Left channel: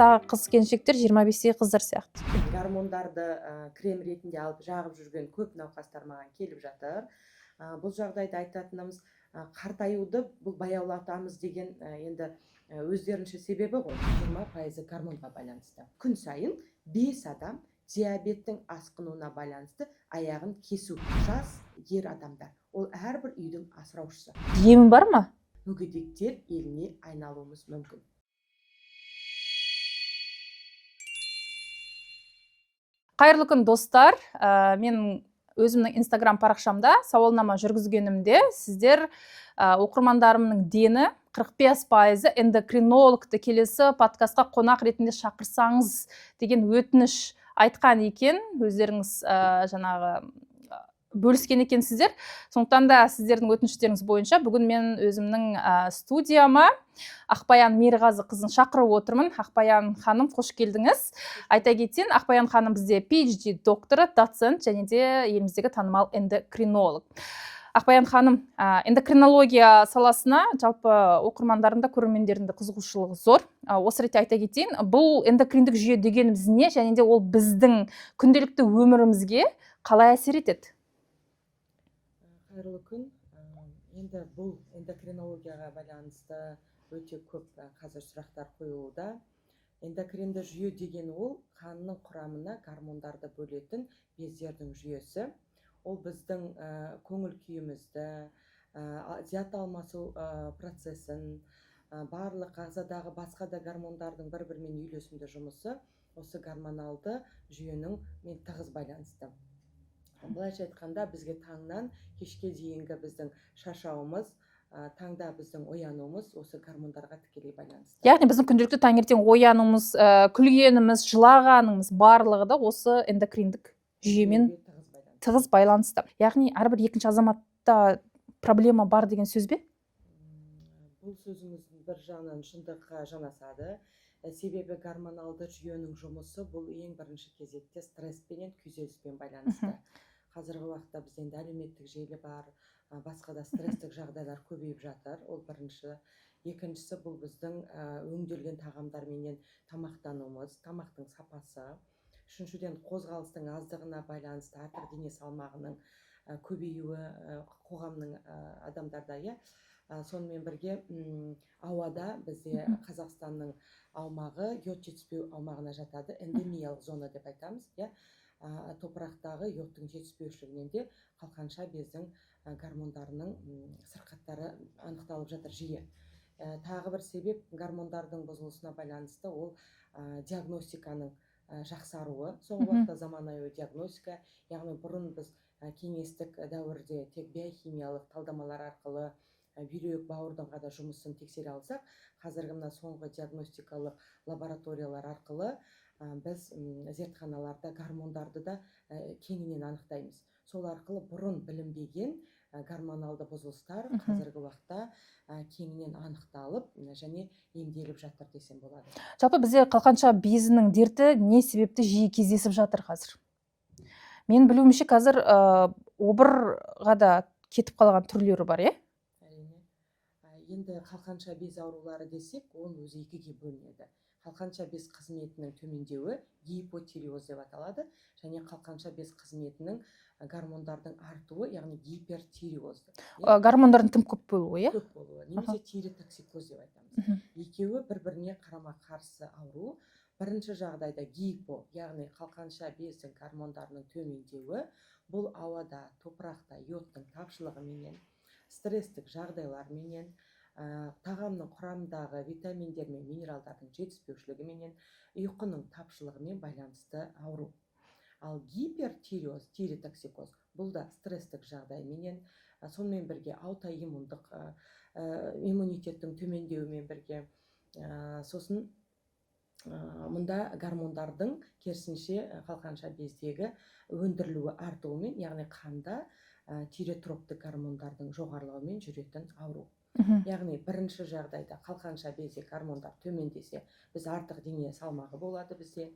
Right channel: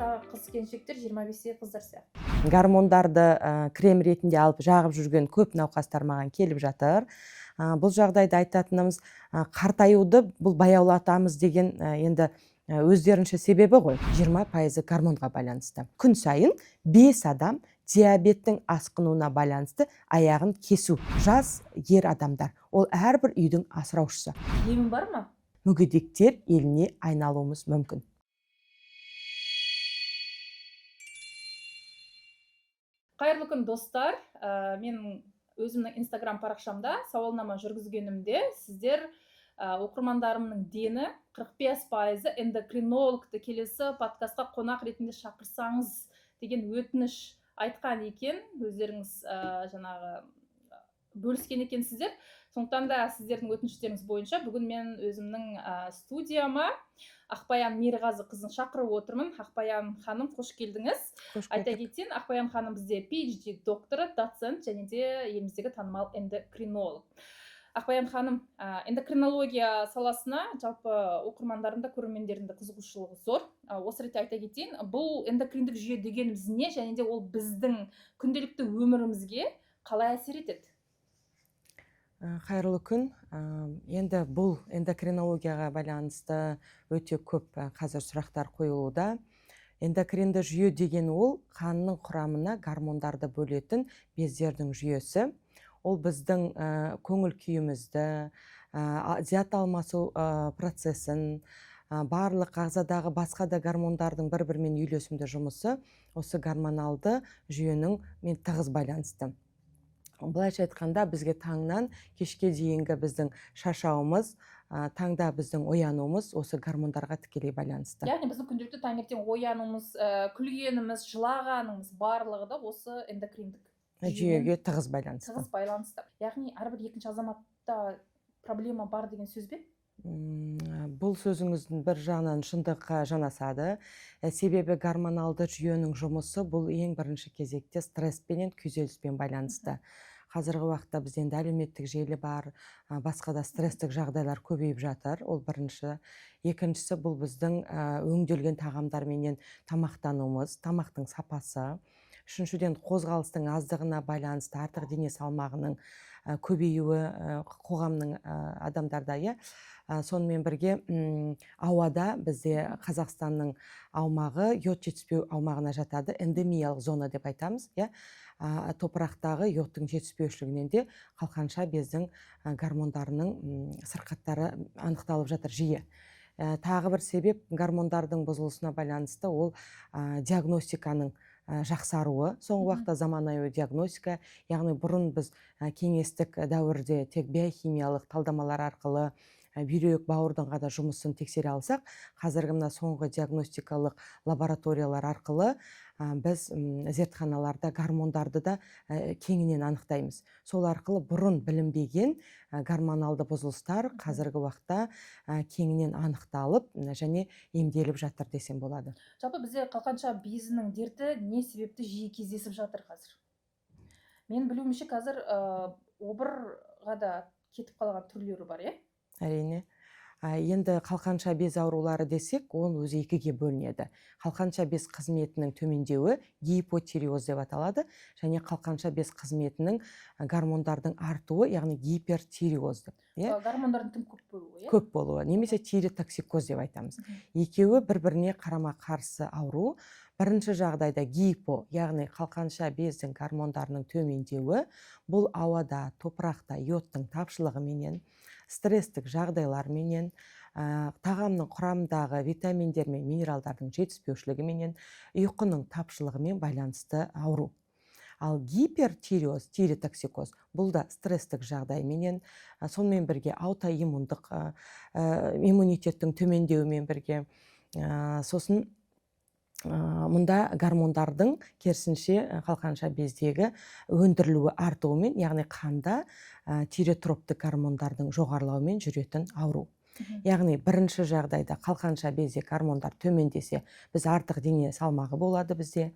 жастағы қыз келіншектер 25-тегі қыздар сияқты. Гормондарды крем ретінде алып жағып жүрген көп науқастар маған келіп жатыр. Бұл жағдайда айтатынымыз, қартаюды бұл баяулатамыз деген енді өздерінше себебі ғой. 20% гормонға байланысты. Күн сайын 5 адам диабеттің асқынуына байланысты аяғын кесу. Жас ер адамдар. Ол әрбір үйдің асыраушысы. Емі бар ма? Мүгедектер еліне айналуымыз мүмкін. Қайырлы күн, достар. Мен өзімнің Instagram парақшамда сауалнама жүргізгенімде сіздер оқырмандарымның дені 45% эндокринологты келесі подкастқа қонақ ретінде шақырсаңыз деген өтініш айтқан екен. Өздеріңіз жаңағы бөліскен екенсіздер. Сондықтан да сіздердің өтініштеріңіз бойынша бүгін мен өзімнің студияма Ақбаян Мерғазы қызын шақырып отырмын. Ақбаян ханым, қош келдіңіз. Айта кетейін, Ақбаян ханым бізде PhD докторы, доцент және де еліміздегі танымал эндокринолог. Ақбаян ханым, эндокринология саласына жалпы оқырмандарында, көрермендерінде қызығушылығы зор. Осы ретте айта кетейін, бұл эндокриндік жүйе дегеніміз не, және де ол біздің күнделікті өмірімізге қалай әсер етеді? Қайырлы күн. Енді бұл эндокринологияға байланысты өте көп қазір сұрақтар қойылуда. Эндокринді жүйе деген ол қанның құрамына гормондарды бөлетін бездердің жүйесі. Ол біздің көңіл күйімізді, зат алмасу процесін, барлық ағзадағы басқа да гормондардың бір-бірімен үйлесімді жұмысы осы гормоналды жүйенің тығыз байланысты. Былайша айтқанда, бізге таңнан кешке дейінгі біздің шаршауымыз, таңда біздің оянуымыз осы гормондарға тікелей байланысты. Яғни біздің күнделікті таңертең оянуымыз, күлгеніміз, жылағанымыз барлығы да осы эндокриндік жүйемен тығыз байланысты. Яғни әрбір екінші азаматта проблема бар деген сөз бе? Бұл сөзіңіздің бір жағынан шындыққа жанасады. Себебі гормоналды жүйенің жұмысы бұл ең бірінші кезекте стресспен, күйзеліспен байланысты. Қазіргі уақытта бізде әлеуметтік желі бар, басқа да стресстік жағдайлар көбейіп жатыр. Ол бірінші. Екіншісі, бұл біздің өңделген тағамдарменен тамақтануымыз, тамақтың сапасы. Үшіншіден, қозғалыстың аздығына байланысты артық дене салмағының көбеюі қоғамның адамдарда. Сонымен бірге ауада бізде Қазақстанның аумағы йод жетіспеу аумағына жатады, эндемиялық зона деп айтамыз. Топырақтағы йодтың жетіспеушілігінен де қалқанша бездің гормондарының сырқаттары анықталып жатыр жиі. Тағы бір себеп гормондардың бұзылысына байланысты ол диагностиканың жақсаруы. Соңғы уақытта заманауи диагностика, яғни бұрын біз кеңестік дәуірде тек биохимиялық талдамалар арқылы бүйрек, бауырдың ғана жұмысын тексере алсақ, қазіргі мына соңғы диагностикалық лабораториялар арқылы біз зертханаларда гормондарды да кеңінен анықтаймыз. Сол арқылы бұрын білінбеген гормоналды бұзылыстар қазіргі уақытта кеңінен анықталып және емделіп жатыр десем болады. Жалпы бізде қалқанша безінің дерті не себепті жиі кездесіп жатыр қазір? Мен білуімше қазір обырға да кетіп қалған түрлері бар, Әрине. Енді қалқанша без аурулары десек, ол өзі екіге бөлінеді. Қалқанша без қызметінің төмендеуі гипотиреоз деп аталады, және қалқанша без қызметінің гормондардың артуы, яғни гипертиреоз деп. Гормондардың тым көп болуы, Көп болуы, немесе тиреотоксикоз деп айтамыз. Екеуі бір-біріне қарама қарсы ауру. Бірінші жағдайда гипо, яғни қалқанша бездің гормондарының төмендеуі, бұл ауада, топырақта йодтың тапшылығыменен, стресстік жағдайларменен, тағамның құрамындағы витаминдер мен минералдардың жетіспеушілігіменен, ұйқының тапшылығымен байланысты ауру. Ал гипертиреоз, тиреотоксикоз, бұл да стресстік жағдайменен, сонымен бірге аутоиммундық иммунитеттің төмендеуімен бірге, сосын мұнда гормондардың керісінше қалқанша бездегі өндірілуі артуымен, яғни қанда тиреотроптық гормондардың жоғарылауымен жүретін ауру. Яғни бірінші жағдайда қалқанша безде гормондар төмендесе, біз артық дене салмағы болады бізде.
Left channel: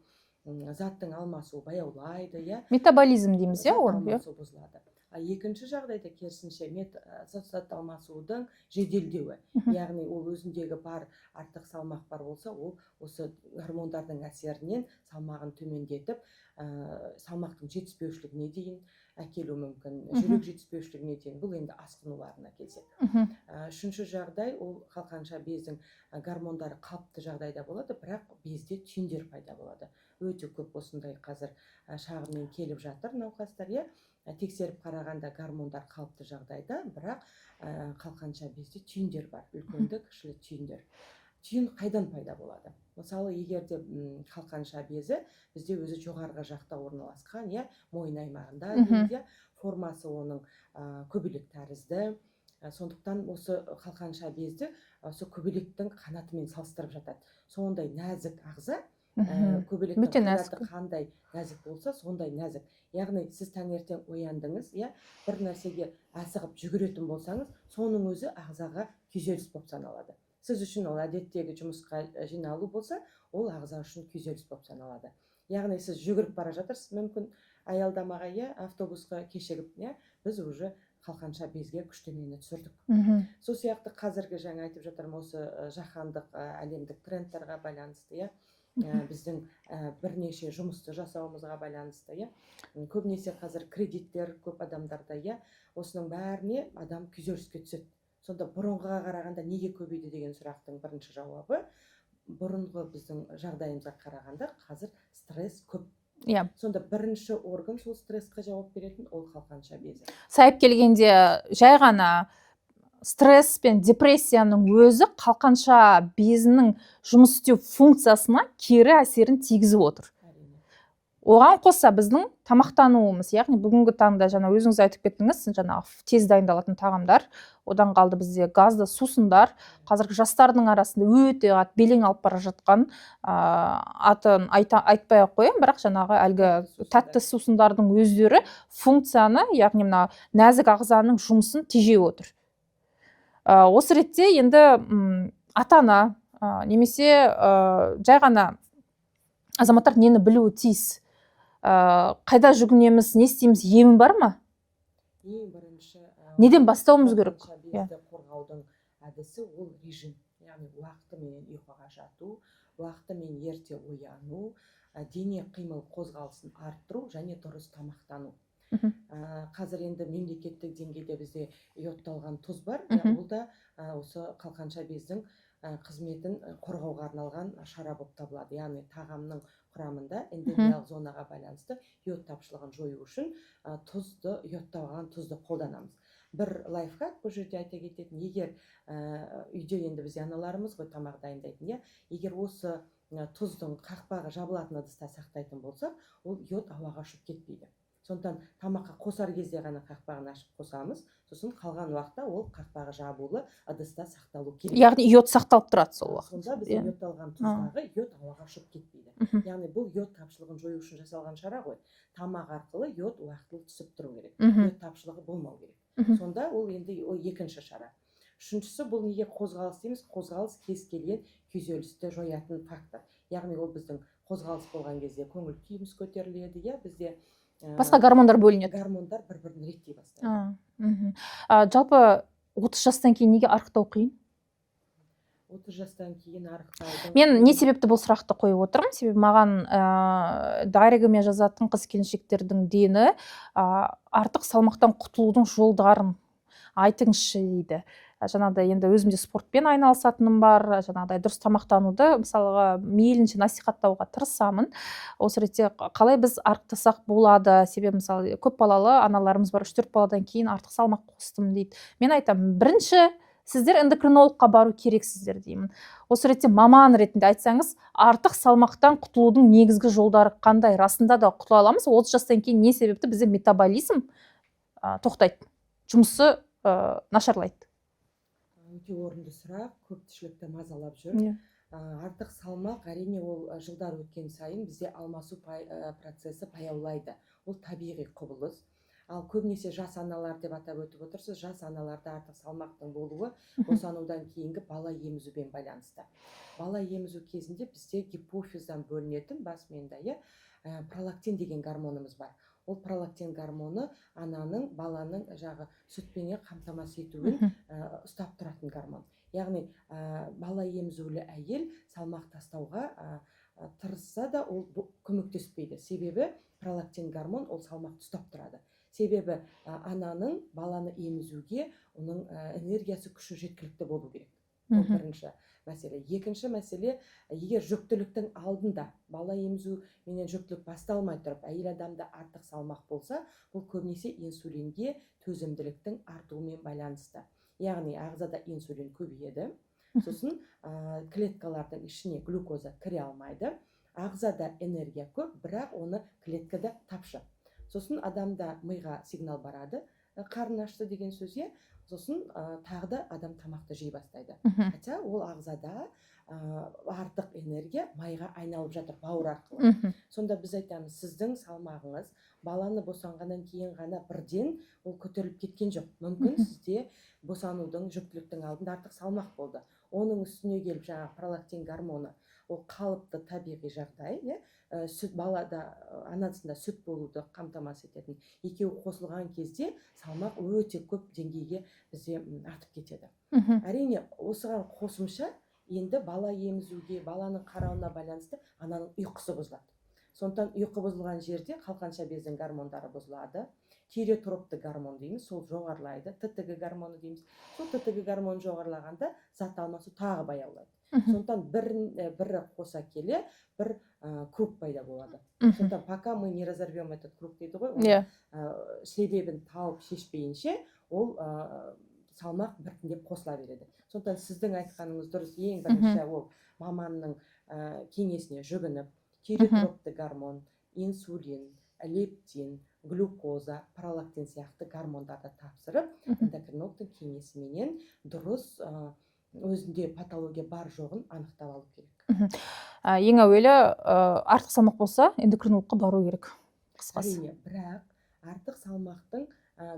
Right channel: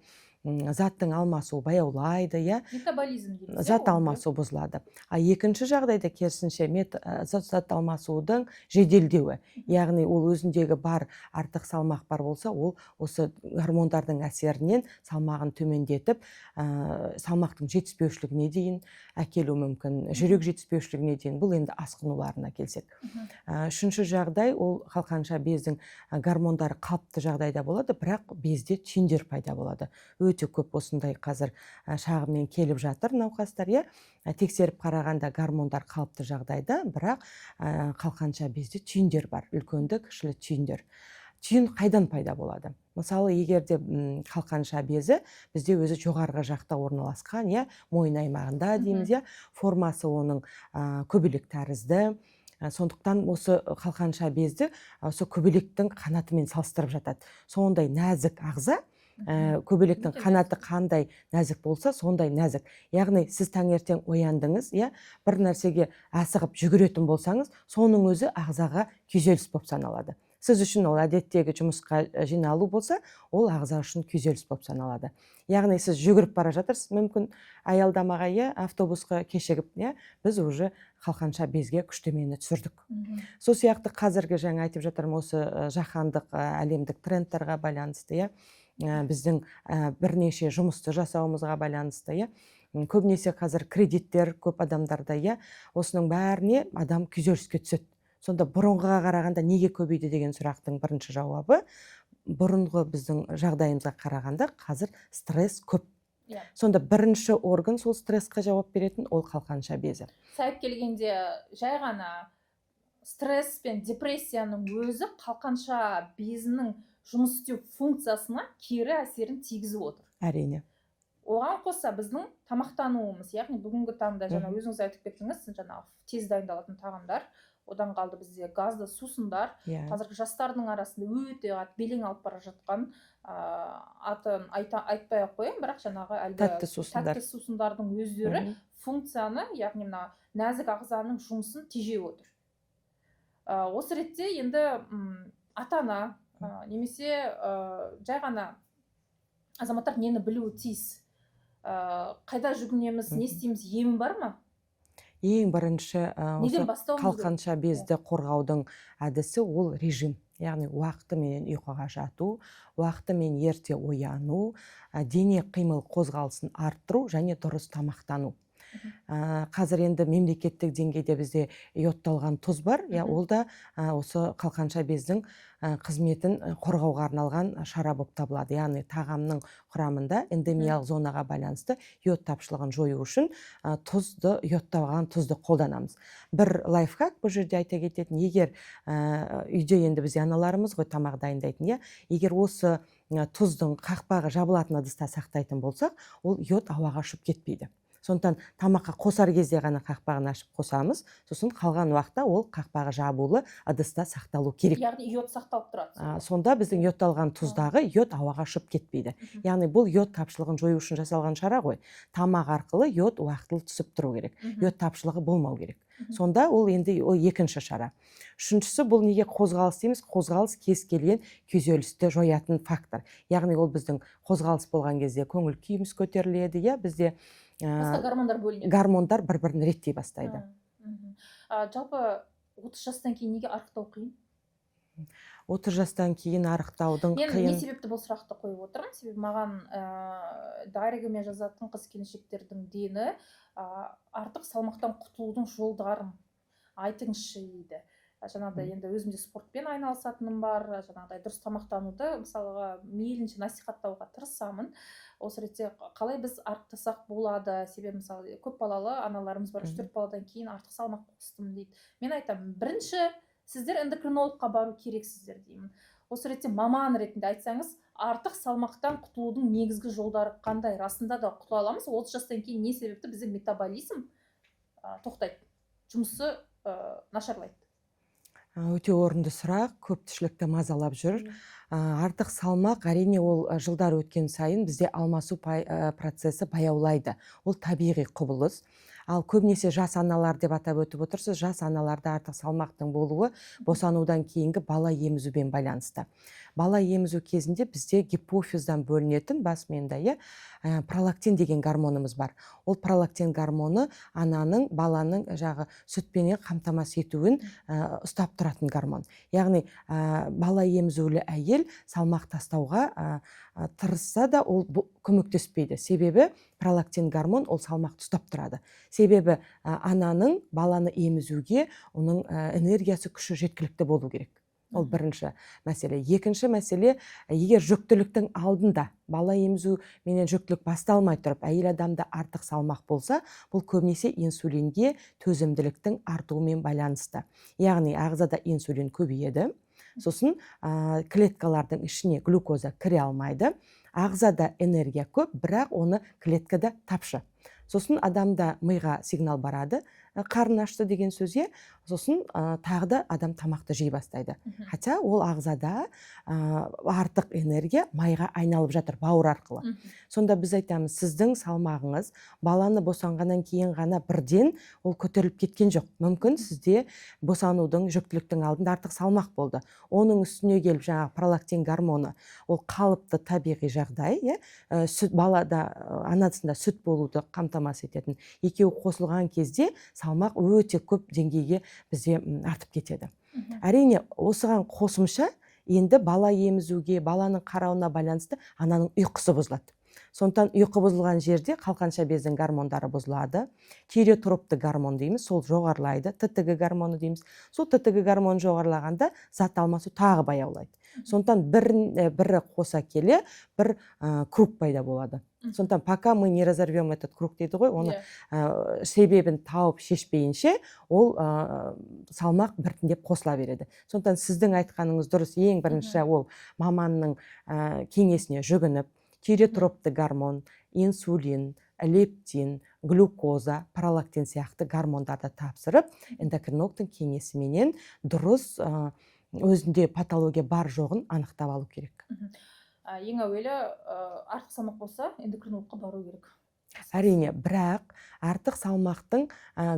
заттың алмасуы баяулайды, иә, Метаболизм дейміз, иә, зат ол алмасу бұзылады. Екінші жағдайда керісінше зат алмасудың жеделдеуі, яғни ол өзіндегі бар артық салмақ бар болса, ол осы гормондардың әсерінен салмағын төмендетіп, салмақтың жетіспеушілігіне дейін әкелуі мүмкін, жүрек жетіспеушілігіне дейін. Бұл енді асқынуларына келсек. Үшінші жағдай ол қалқанша бездің гормондары қалыпты жағдайда болады, бірақ безде түйіндер пайда болады. Өте көп осындай қазір шағыммен келіп жатыр науқастар, иә. Тексеріп қарағанда гормондар қалыпты жағдайда, бірақ қалқанша безде түйіндер бар, үлкенді кішілі түйіндер. Түйін қайдан пайда болады? Мысалы, егерде қалқанша безі бізде өзі жоғарғы жақта орналасқан, иә, мойын аймағында дейміз, иә, формасы оның көбелек тәрізді. Сондықтан осы қалқанша безді осы көбелектің қанатымен салыстырып жатады. Сондай нәзік ағза, көбелектің қанаты қандай нәзік болса, сондай нәзік. Яғни сіз таңертең ояндыңыз, иә, бір нәрсеге асығып жүгіретін болсаңыз, соның өзі ағзаға күйзеліс болып саналады. Сіз үшін ол әдеттегі жұмысқа жиналу болса, ол ағза үшін күйзеліс болып саналады. Яғни сіз жүгіріп бара жатырсыз, мүмкін аялдамаға, иә, автобусқа кешігіп, иә, біз уже қалқанша безге күштемені түсірдік. Сол сияқты қазіргі жаңа айтып жатырмын, осы жаһандық әлемдік трендтарға байланысты, иә, біздің бірнеше жұмысты жасауымызға байланысты, иә, көбінесе қазір кредиттер көп адамдарда, иә, осының бәріне адам күйзеліске түседі. Сонда бұрынғыға қарағанда неге көбейді деген сұрақтың бірінші жауабы, бұрынғы біздің жағдайымызға қарағанда қазір стресс көп. Сонда бірінші орган сол стрессқа жауап беретін ол қалқанша безі. Сайып келгенде жай ғана стресс пен депрессияның өзі қалқанша безінің жұмыс істеу функциясына кері әсерін тигізіп отыр. Әрине. Оған қоса біздің тамақтануымыз, яғни бүгінгі таңда жаңа өзіңіз айтып кеттіңіз, жаңа тез дайындалатын тағамдар, одан қалды бізде газды сусындар, қазіргі жастардың арасында өте белең алып бара жатқан, атын айтпай ақ қояйын, бірақ жаңағы әлгі тәтті сусындардың өздері функцияны, яғни мына нәзік ағзаның жұмысын тежеп отыр. Осы ретте енді ата-ана немесе жай ғана азаматтар нені білуі тиіс? Қайда жүгінеміз, не істейміз, емі бар ма? Ең бірінші неден бастауымыз керек? Қалқанша безді қорғаудың әдісі ол режим. Яғни уақытымен ұйқыға жату, уақытымен ерте ояну, дене қимыл қозғалысын арттыру және дұрыс тамақтану. Қазір енді мемлекеттік деңгейде бізде йодталған тұз бар, ол да осы қалқанша бездің қызметін қорғауға арналған шара болып табылады. Яғни тағамның құрамында эндемиялық зонаға байланысты йод тапшылығын жою үшін йодталған тұзды қолданамыз. Бір лайфхак бұл жерде айта кететін, егер үйде енді бізде аналарымыз ғой тамақ дайындайтын, егер осы тұздың қақпағы жабылатын ыдыста сақтайтын болсақ, ол йод ауаға ұшып кетпейді. Сондықтан тамаққа қосар кезде ғана қақпағын ашып қосамыз, сосын қалған уақытта ол қақпағы жабулы ыдыста сақталу керек. Яғни йод сақталып тұрады. Сонда біздің йодталған тұздағы йод ауаға ұшып кетпейді. Яғни бұл йод тапшылығын жою үшін жасалған шара ғой. Тамақ арқылы йод уақытылы түсіп тұру керек. Йод тапшылығы болмау керек. Сонда ол енді екінші шара. Үшіншісі, бұл неге қозғалыс дейміз? Қозғалыс кез келген күйзелісті жоятын фактор. Яғни ол біздің қозғалыс болған кезде көңіл күйіміз көтеріледі, бізде басқа гормондар бөлінеді. Гормондар бір-бірін реттей бастайды. Жалпы 30 жастан кейін неге арықтау қиын? 30 жастан кейін арықтаудың Мен не себепті бұл сұрақты қойып отырмын? Себебі маған дайрегіме жазатын қыз-келіншектердің дені артық салмақтан құтылудың жолдарын айтыңызшы дейді. Жаңағыдай енді өзімде спортпен айналысатыным бар, жаңағыдай дұрыс тамақтануды мысалға мейлінше насихаттауға тырысамын. Осы ретте қалай біз арықтасақ болады? Себебі мысалы көп балалы аналарымыз бар, 3-4 баладан кейін артық салмақ қостым дейді. Мен айтамын, бірінші сіздер эндокринологқа бару керексіздер деймін. Осы ретте маман ретінде айтсаңыз, артық салмақтан құтылудың негізгі жолдары қандай? Расында да құтыла аламыз? 30 жастан кейін не себепті бізде метаболизм тоқтайды, жұмысы нашарлайды? Өте орынды сұрақ, көпшілікті мазалап жүр. Артық салмақ, әрине ол жылдар өткен сайын бізде алмасу процесі баяулайды. Ол табиғи құбылыс. Ал көбінесе жас аналар деп атап өтіп отырсыз, жас аналарда артық салмақтың болуы босанудан кейінгі бала емізумен байланысты. бала емізу кезінде бізде гипофиздан бөлінетін бас миында пролактин деген гормонымыз бар. Ол пролактин гормоны ананың баланың жағы сүтпенен қамтамасыз етуін ұстап тұратын гормон. Яғни бала емізулі әйел салмақ тастауға тырысса да ол көмектеспейді. Себебі пролактин гормон ол салмақты ұстап тұрады. Себебі ананың баланы емізуге оның энергиясы, күші жеткілікті болу керек. Ол бірінші мәселе. Екінші мәселе, егер жүктіліктің алдында бала емізу менен жүктілік басталмай тұрып, әйел адамда артық салмақ болса, бұл көбінесе инсулинге төзімділіктің артуымен байланысты. Яғни ағзада инсулин көбейеді, сосын клеткалардың ішіне глюкоза кіре алмайды. Ағзада энергия көп, бірақ оны клеткада тапшы. Сосын адамда миға сигнал барады, қарын ашты деген сөзге, сосын тағы да адам тамақты жей бастайды. Хотя ол ағзада артық энергия майға айналып жатыр бауыр арқылы. Сонда біз айтамыз, сіздің салмағыңыз баланы босанғаннан кейін ғана бірден ол көтеріліп кеткен жоқ. Мүмкін сізде босанудың, жүктіліктің алдында артық салмақ болды. Оның үстіне келіп жаңағы пролактин гормоны, ол қалыпты табиғи жағдай, сүт балада анасында сүт болуды қамтамасыз ететін. Екеуі қосылған кезде салмақ өте көп деңгейге бізде артып кетеді. Әрине, осыған қосымша енді бала емізуге, баланың қарауына байланысты ананың ұйқысы бұзылады. Сондықтан ұйқы бұзылған жерде қалқанша бездің гормондары бұзылады. Тиреотропты гормон дейміз, сол жоғарылайды. ТТГ гормоны дейміз. Сол ТТГ гормон жоғарылағанда зат алмасу тағы баяулайды. Сондықтан бірі қоса келе бір круг пайда болады. Сондықтан пока мы не разорвем этот круг дейді ғой, оны себебін тауып шешпейінше, ол салмақ біртіндеп қосыла береді. Сондықтан сіздің айтқаныңыз дұрыс. Ең бірінші ол маманның кеңесіне жүгініп, тиреотропты гормон, инсулин, лептин, глюкоза, пролактин сияқты гормондарды тапсырып, эндокринологтың кеңесіменен дұрыс өзінде патология бар жоғын анықтап алу керек. Ең әуелі артық салмақ болса, эндокринологқа бару керек. Әрине, бірақ артық салмақтың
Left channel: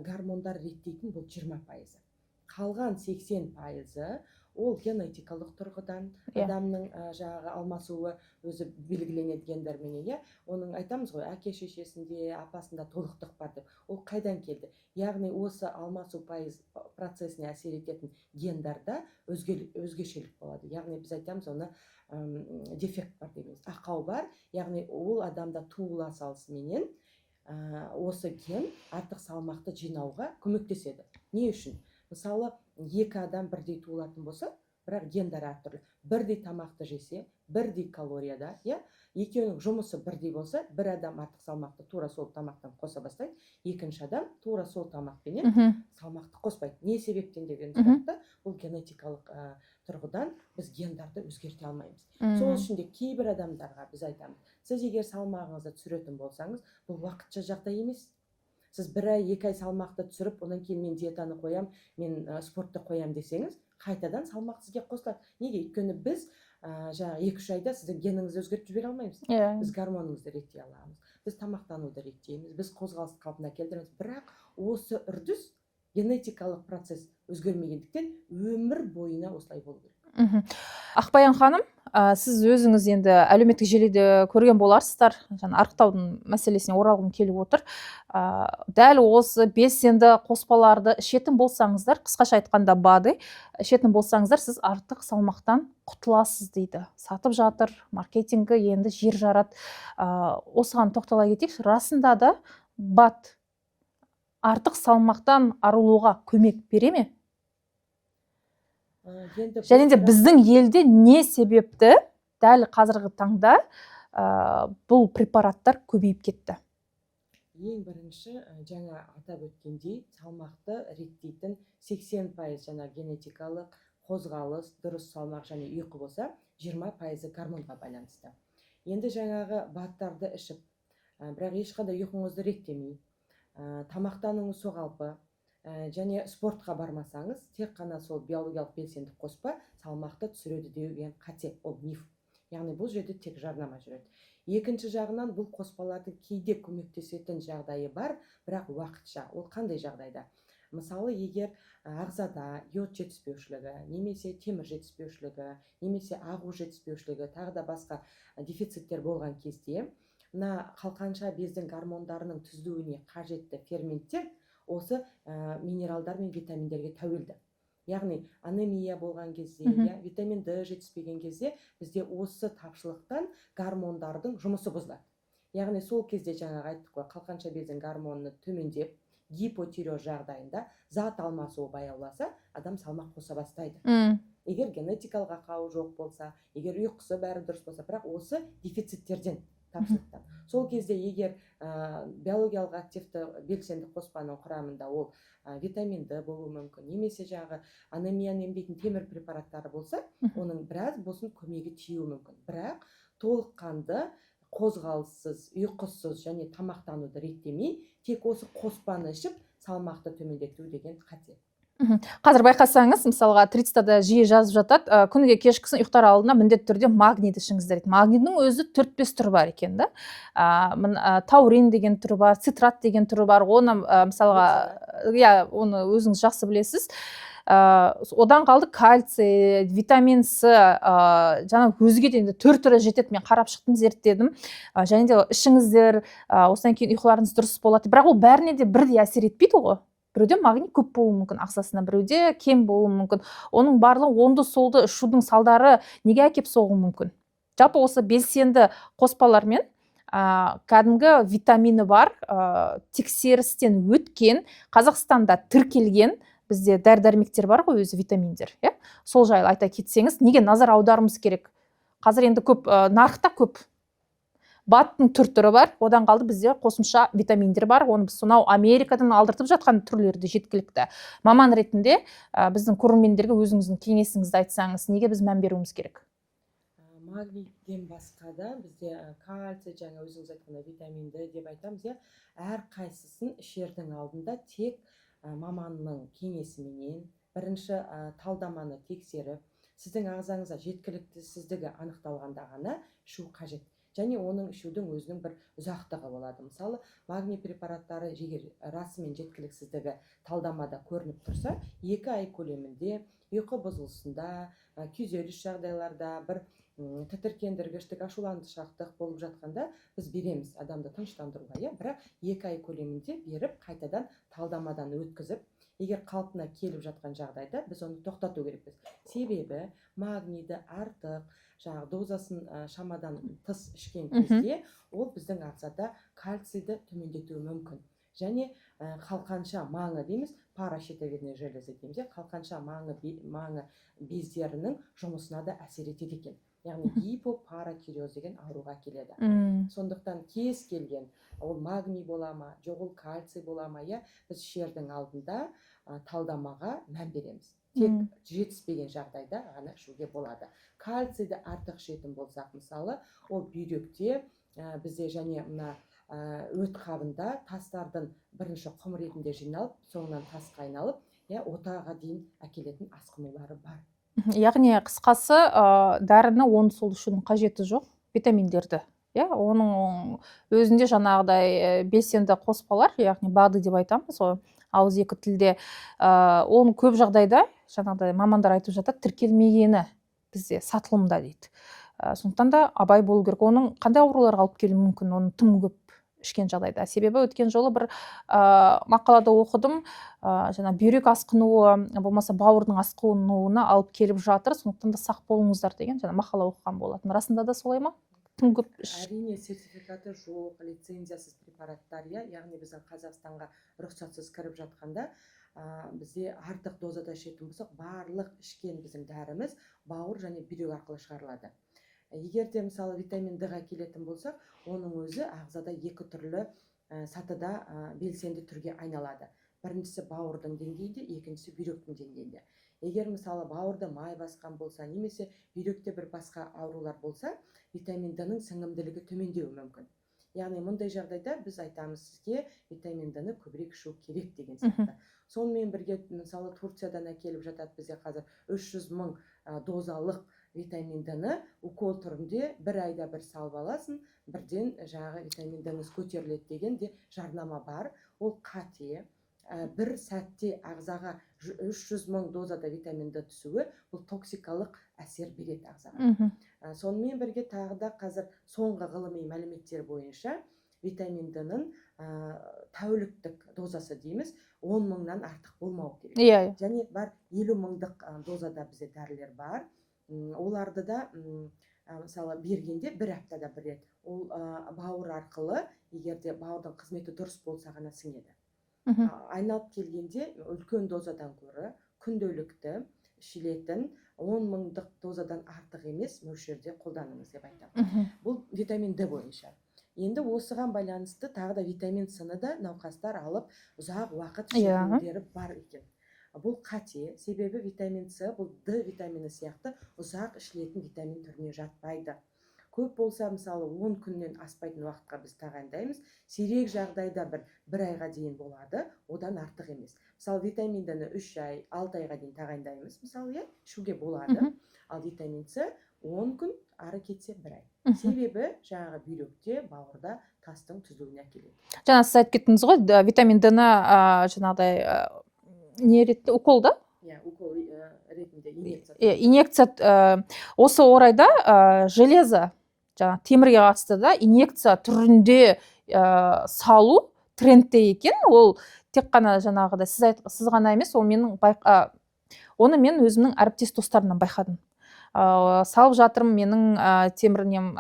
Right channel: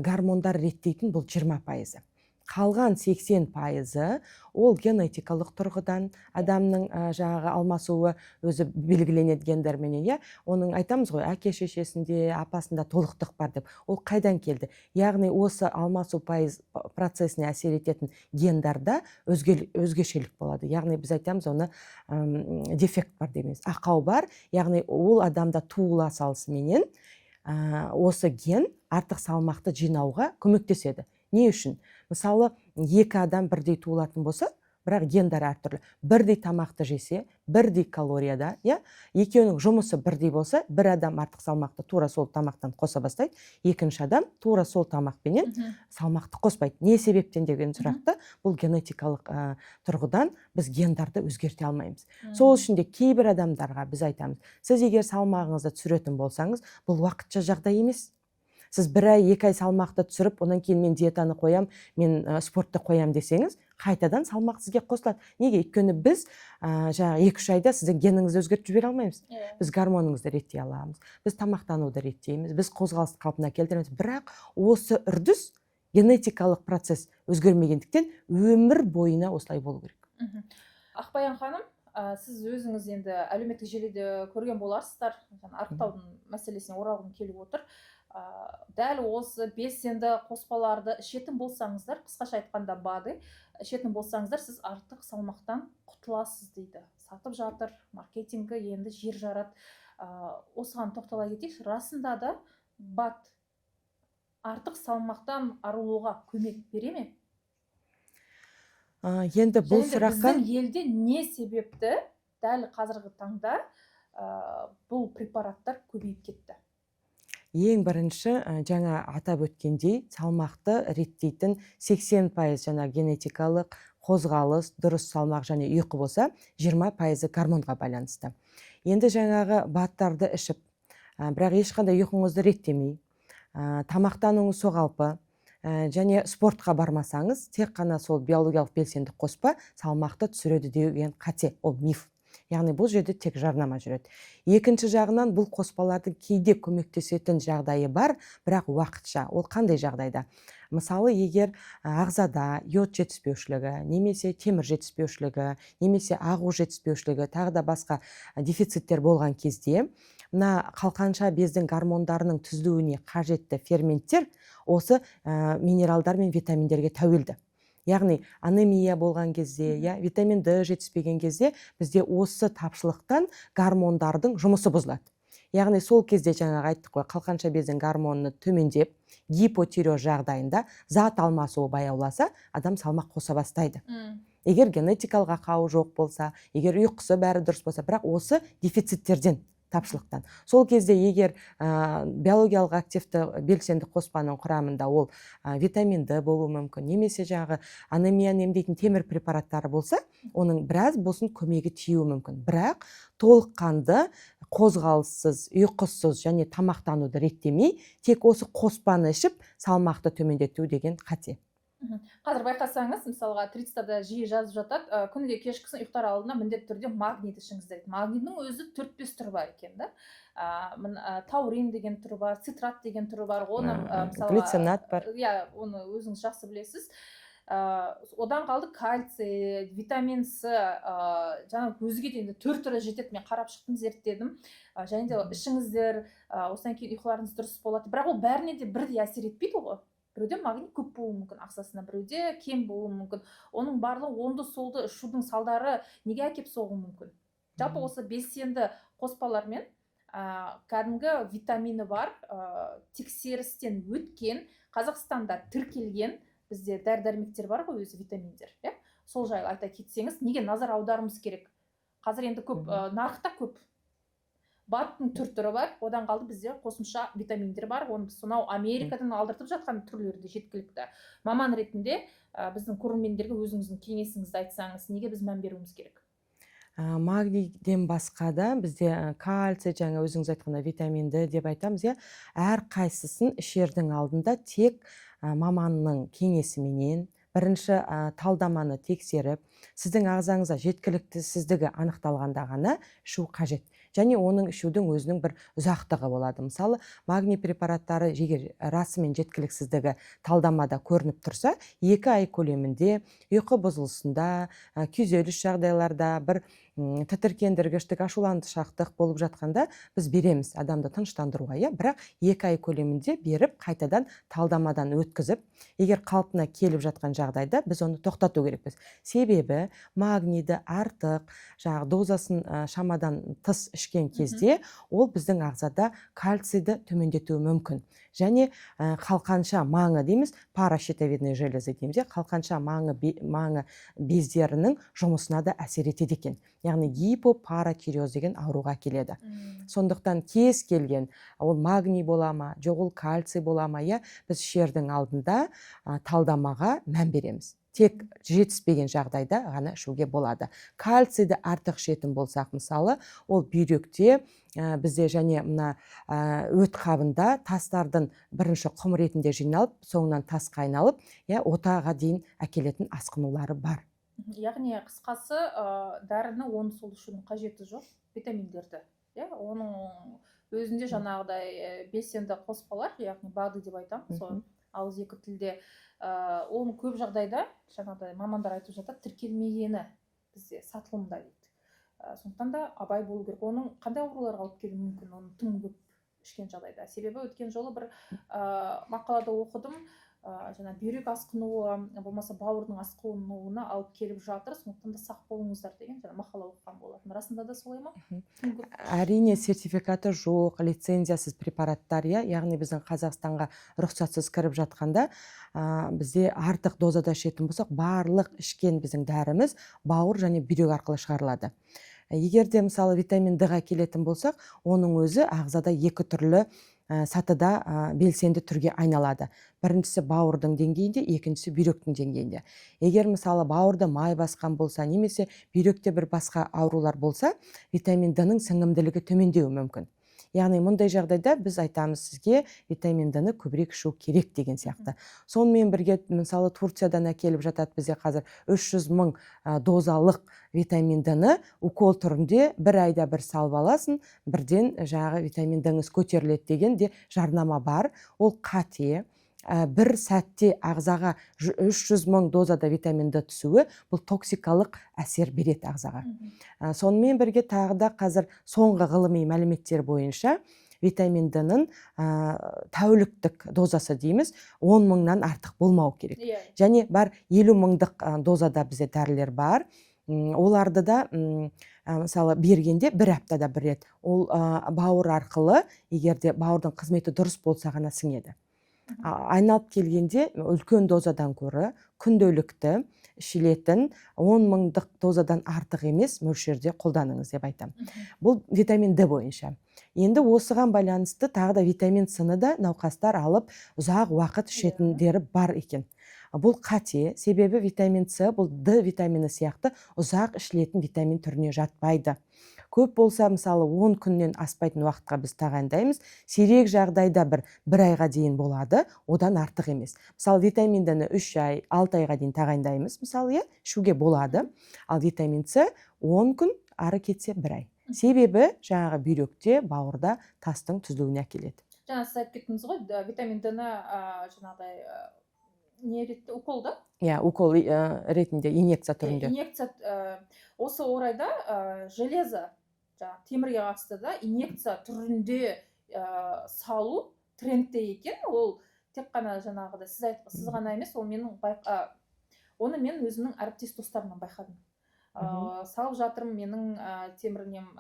гормондар реттейтін бұл 20%. Қалған 80% ол генетикалық тұрғыдан адамның жаңағы алмасуы өзі белгіленеді гендерменен, оның айтамыз ғой, әке шешесінде, апасында толықтық бар деп. Ол қайдан келді? Яғни осы алмасу процесіне әсер ететін гендарда өзгешелік болады. Яғни біз айтамыз, оны дефект бар дейміз. Ақау бар, яғни ол адамда туыла салысыменен осы ген артық салмақты жинауға көмектеседі. Не үшін? Мысалы, екі адам бірдей туылатын болса, бірақ гендері әртүрлі. Бірдей тамақты жесе, бірдей калорияда, екеуінің жұмысы бірдей болса, бір адам артық салмақты тура сол тамақтан қоса бастайды, екінші адам тура сол тамақпенен салмақты қоспайды. Не себептен деген сұрақта, бұл генетикалық тұрғыдан біз гендарды өзгерте алмаймыз. Сол үшін де кейбір адамдарға біз айтамыз, сіз егер салмағыңызды түсіретін болсаңыз, бұл уақытша жағдай емес. Сіз бір ай, 2 ай салмақты түсіріп, онан кейін мен диетаны қоям, мен спортты қоям десеңіз, қайтадан салмақ сізге қосылады. Неге? Өйткені біз 2-3 айда сіздің геніңізді өзгертіп жібере алмаймыз. Біз гормоныңызды реттей аламыз, біз тамақтануды реттейміз, біз қозғалысты қалпына келтіреміз. Бірақ осы үрдіс генетикалық процесс өзгермегендіктен өмір бойына осылай болу керек. Ақбаян ханым, сіз өзіңіз енді әлеуметтік желіде көрген боларсыздар, арықтаудың мәселесіне оралғым келіп отыр. Дәл осы белсенді қоспаларды ішетін болсаңыздар, қысқаша айтқанда БАДы ішетін болсаңыздар, сіз артық салмақтан құтыласыз дейді. Сатып жатыр, маркетингі енді жер жарат. Осыған тоқтала кетейікші, расында да БАД артық салмақтан арылуға көмек бере ме? Және де біздің елде не себепті дәл қазіргі таңда бұл препараттар көбейіп кетті? Ең бірінші жаңа атап өткендей, салмақты реттейтін 80% жаңа генетикалық қозғалыс, дұрыс салмақ және ұйқы болса, 20% гормонға байланысты. Енді жаңағы БАДтарды ішіп, бірақ ешқандай ұйқыңызды реттемей, тамақтануыңыз соғалпы, және спортқа бармасаңыз, тек қана сол биологиялық белсенді қоспа салмақты түсіреді деген қате, ол миф. Яғни бұл жерде тек жарнама жүреді. Екінші жағынан бұл қоспалардың кейде көмектесетін жағдайы бар, бірақ уақытша. Ол қандай жағдайда? Мысалы, егер ағзада йод жетіспеушілігі, немесе темір жетіспеушілігі, немесе ақу жетіспеушілігі, тағы да басқа дефициттер болған кезде, мына қалқанша бездің гормондарының түзілуіне қажетті ферменттер осы минералдар мен витаминдерге тәуелді. Яғни анемия болған кезде, витамин D жетіспеген кезде бізде осы тапшылықтан гормондардың жұмысы бұзылады. Яғни сол кезде жаңағы айттық қой, қалқанша бездің гормоны төмендеп, гипотиреоз жағдайында зат алмасуы баяуласа, адам салмақ қоса бастайды. Егер генетикалық ақауы жоқ болса, егер ұйқысы бәрі дұрыс болса, бірақ осы дефициттерден, тапшылықтан. Сол кезде егер биологиялық активті белсенді қоспаның құрамында ол витамин D болуы мүмкін, немесе жаңағы анемияны емдейтін темір препараттары болса, оның біраз болсын көмегі тиюі мүмкін. Бірақ толыққанды қозғалыссыз, ұйқысыз және тамақтануды реттемей, тек осы қоспаны ішіп салмақты төмендету деген қате. Қазір байқасаңыз, мысалға Трицтада жиі жазып жатады, күніге кешкісін ұйықтар алдында міндетті түрде магнийді ішіңіздер дейді. Магнийдің өзі 4-5 түрі бар екен да. Таурин деген түрі бар, цитрат деген түрі бар. Оны мысалға, оны өзіңіз жақсы білесіз. Одан қалды кальций, витамин С, жаңа өзге де 4 түрі жетеді. Мен қарап шықтым, зерттедім. Және де ішіңіздер, осыдан кейін ұйқыларыңыз дұрыс болады. Бірақ ол бәріне де бірдей әсер етпейді ғой. Біреуде магний көп болуы мүмкін ағзасына, біреуде кем болуы мүмкін. Оның барлығы оңды солды ішудің салдары неге әкеп соғуы мүмкін. Жалпы осы белсенді қоспалармен кәдімгі витамині бар, тексерістен өткен, Қазақстанда тіркелген бізде дәрі-дәрмектер бар ғой, өзі витаминдер. Сол жайлы айта кетсеңіз, неге назар аударымыз керек? Қазір енді көп, нарықта көп. Баттың түрі бар, одан қалды бізде қосымша витаминдер бар. Оны біз сонау Америкадан алдыртып жатқан түрлерді жеткілікті. Маман ретінде біздің көрермендерге өзіңіздің кеңесіңізді айтсаңыз, неге біз мән беруіміз керек? Магнийден басқа да бізде кальций, жаңа өзіңіз айтқанда витамин D деп айтамыз, әр қайсысын ішердің алдында тек маманның кеңесіменен бірінші талдаманы тексеріп, сіздің ағзаңызда жеткіліктісіздігі анықталғанда ғана ішу қажет. Және оның ішудің өзінің бір ұзақтығы болады. Мысалы, магний препараттары егер расымен жеткіліксіздігі талдамада көрініп тұрса, 2 ай көлемінде ұйқы бұзылысында, күйзеліс жағдайларда, бір тітіркендіргіштік, ашуланшақтық болып жатқанда біз береміз адамды тыныштандыруға, бірақ 2 ай көлемінде беріп, қайтадан талдамадан өткізіп, егер қалпына келіп жатқан жағдайда біз оны тоқтату керекпіз. Себебі магнийді артық, дозасын шамадан тыс ішкен кезде ол біздің ағзада кальцийді төмендетуі мүмкін. Және қалқанша маңы дейміз, паращитовидный железа дейміз, қалқанша маңы бездерінің жұмысына да әсер етеді екен. Яғни гипопаратиреоз деген ауруға келеді. Сондықтан кез келген, ол магний бола ма, жоқ ол кальций бола ма, біз ішердің алдында талдамаға мән береміз. Тек жетіспеген жағдайда ғана ішуге болады. Кальцийді артық ішетін болсақ, мысалы, ол бүйректе бізде және мына өт қабында тастардың бірінші құм ретінде жиналып, соңынан тасқа айналып, отаға дейін әкелетін асқынулары бар. Яғни қысқасы, дәріні оны сол ішудің қажеті жоқ, витаминдерді. Оның өзінде жаңағыдай белсенді қоспалар, яғни БАДы деп айтамыз, ауыз екі тілде, оның көп жағдайда жаңағыдай мамандар айтып жатады, тіркелмегені бізде сатылымда дейді. Сондықтан да абай болу керек. Оның қандай ауруларға алып келуі мүмкін, оның тым көп ішкен жағдайда. Себебі өткен жолы бір мақалада оқыдым, жаңа бүйрек асқынуы, болмаса бауырдың асқынуына алып келіп жатыр, сондықтан да сақ болыңыздар деген жаңа мақала оқыған болатын. Расында да солай ма? Әрине сертификаты жоқ, лицензиясыз препараттар, яғни біздің Қазақстанға рұқсатсыз кіріп жатқанда, бізде артық дозада ішетін болсақ, барлық ішкен біздің дәріміз бауыр және бүйрек арқылы шығарылады. Егер де мысалы витамин D-ға келетін болсақ, оның өзі ағзада 2 түрлі сатыда белсенді түрге айналады. Біріншісі бауырдың деңгейінде, екіншісі бүйректің деңгейінде. Егер мысалы бауырда май басқан болса, немесе бүйректе бір басқа аурулар болса, витамин D-ның сіңімділігі төмендеуі мүмкін. Яғни мұндай жағдайда біз айтамыз сізге витамин D-ні көбірек ішу керек деген сияқты. Сонымен бірге, мысалы Турциядан әкеліп жатады бізде қазір 300 мың дозалық витамин D-ні укол түрінде 1 айда бір салып аласың, бірден жаңағы витамин D-ңіз көтеріледі деген де жарнама бар. Ол қате. бір сәтте ағзаға 300 мың дозада витамин D түсуі бұл токсикалық әсер береді ағзаға. Сонымен бірге тағы да қазір соңғы ғылыми мәліметтер бойынша витамин D-ның тәуліктік дозасы дейміз 10 мыңнан артық болмау керек. Және бар 50 мыңдық дозада бізде дәрілер бар. Оларды да мысалы бергенде бір аптада бір рет. Ол бауыр арқылы, егерде бауырдың қызметі дұрыс болса ғана сіңеді. Айналып келгенде үлкен дозадан көрі күнделікті ішілетін 10 мыңдық дозадан артық емес мөлшерде қолданыңыз деп айтамын. Бұл витамин D бойынша. Енді осыған байланысты тағы да витамин С-ны да науқастар алып ұзақ уақыт ішетіндері бар екен. Бұл қате, себебі витамин С бұл D витамині сияқты ұзақ ішілетін витамин түріне жатпайды. Көп болса, мысалы 10 күннен аспайтын уақытқа біз тағайындаймыз. Сирек жағдайда бір айға дейін болады, одан артық емес. Мысалы витамин D-ні 3 ай, 6 айға дейін тағайындаймыз, мысалы, ішуге болады. Ал витамин С 10 күн, ары кетсе 1 ай. Себебі жаңағы бүйректе, бауырда тастың түзілуіне әкеледі. Жаңа сіз айтып кеттіңіз ғой, витамин D-ні жаңағыдай не ретінде укол да? Укол ретінде инъекция түрінде. Инъекция осы орайда железо, жаңа темірге қатысты да инъекция түрінде салу трендте екен. Ол тек қана жаңағыдай сіз ғана емес, ол оны мен өзімнің әріптес достарымнан байқадым. Салып жатырмын, менің темірінем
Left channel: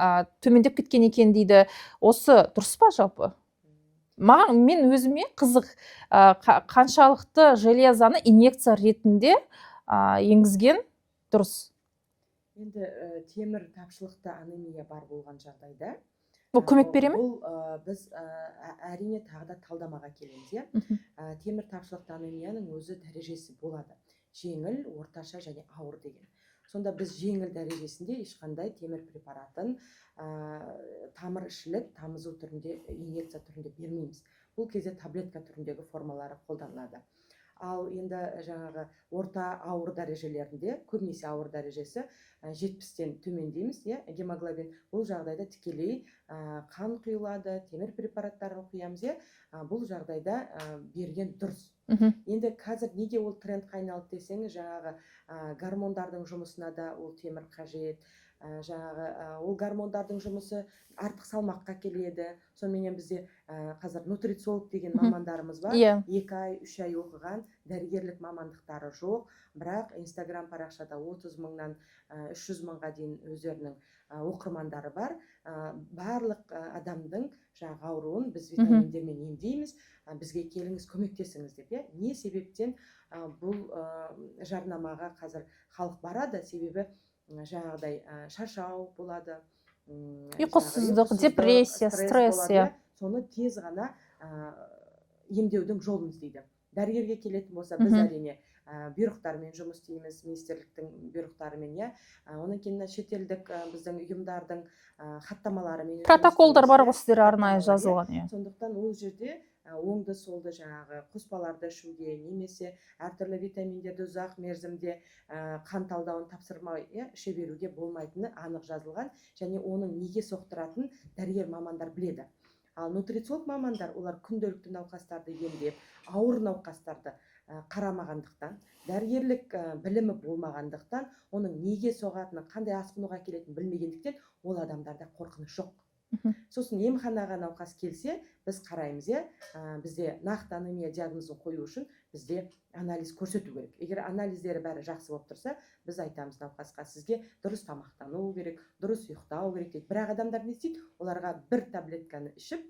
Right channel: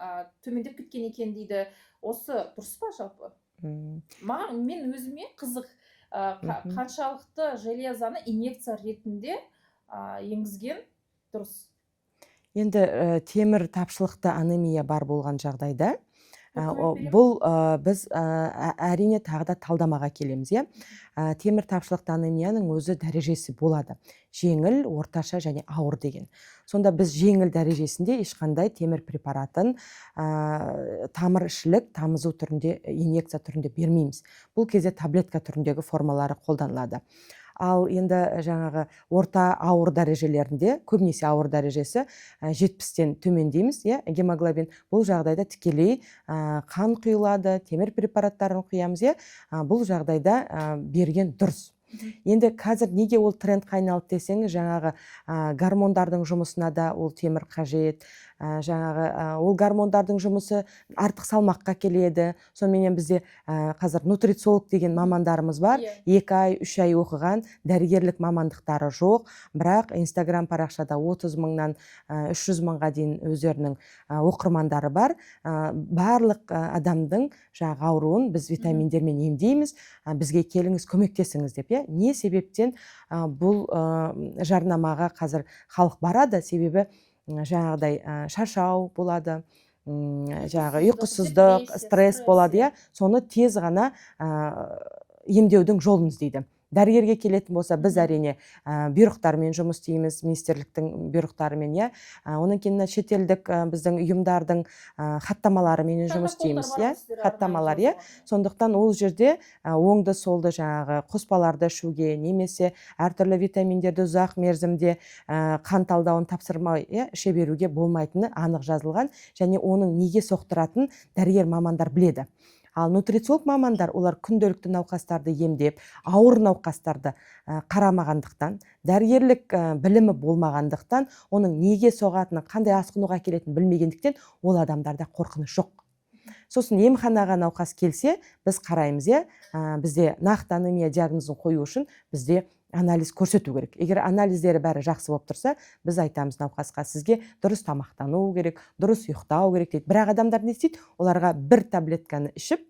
төмендеп кеткен екен дейді. Осы дұрыс па жалпы? Мен өзіме қызық қаншалықты железаны инъекция ретінде енгізген дұрыс. Енді темір тапшылықты анемия бар болған жағдайда көмек бере ме? Бұл біз әрине тағы да талдамаға келеміз. Темір тапшылықты анемияның өзі дәрежесі болады. Жеңіл, орташа және ауыр деген. Сонда біз жеңіл дәрежесінде ешқандай темір препаратын тамырішілік, тамызу түрінде, инъекция түрінде бермейміз. Бұл кезде таблетка түріндегі формалары қолданылады. Ал енді жаңағы орта ауыр дәрежелерінде, көбінесе ауыр дәрежесі 70-тен төмендейміз, гемоглобин. Бұл жағдайда тікелей қан құйылады, темір препараттарын құямыз, бұл жағдайда берген дұрыс. Енді қазір неге ол трендқа айналды десеңіз, жаңағы гормондардың жұмысына да ол темір қажет. Ол гормондардың жұмысы артық салмаққа келеді. Сонымен бізде қазір нутрициолог деген мамандарымыз бар. 2 ай, 3 ай оқыған, дәрігерлік мамандықтары жоқ. Бірақ Инстаграм парақшада 30 мыңнан 300 мыңға дейін өздерінің оқырмандары бар. Барлық адамдың ауруын біз витаминдермен емдейміз. Бізге келіңіз, көмектесіңіз деп. Не себептен бұл жарнамаға қазір халық барады? Себебі жаңағыдай шаршау болады, ұйқысыздық, стресс болады. Соны тез ғана емдеудің жолын іздейді. Дәрігерге келетін болса, біз әрине бұйрықтармен жұмыс істейміз, министрліктің бұйрықтарымен, оның кейін шетелдік біздің ұйымдардың хаттамаларымен жұмыс істейміз. Протоколдар бар ғой сіздер арнайы жазылған. Сондықтан ол жерде оңды солды жаңағы қоспаларды ішуге, немесе әртүрлі витаминдерді ұзақ мерзімде қан талдауын тапсырмай іше беруге болмайтыны анық жазылған, және оның неге соқтыратын дәрігер мамандар біледі. Ал нутрициолог мамандар, олар күнделікті науқастарды емдеп, ауыр науқастарды қарамағандықтан, дәрігерлік білімі болмағандықтан, оның неге соғатыны, қандай асқынуға келетінін білмегендіктен, ол адамдарда қорқыныш жоқ. Сосын емханаға науқас келсе, біз қараймыз, бізде нақты анемия диагнозын қою үшін бізде анализ көрсету керек. Егер анализдері бәрі жақсы болып тұрса, біз айтамыз науқасқа, сізге дұрыс тамақтану керек, дұрыс ұйықтау керек дейді. Бірақ адамдар не істейді? Оларға бір таблетканы ішіп,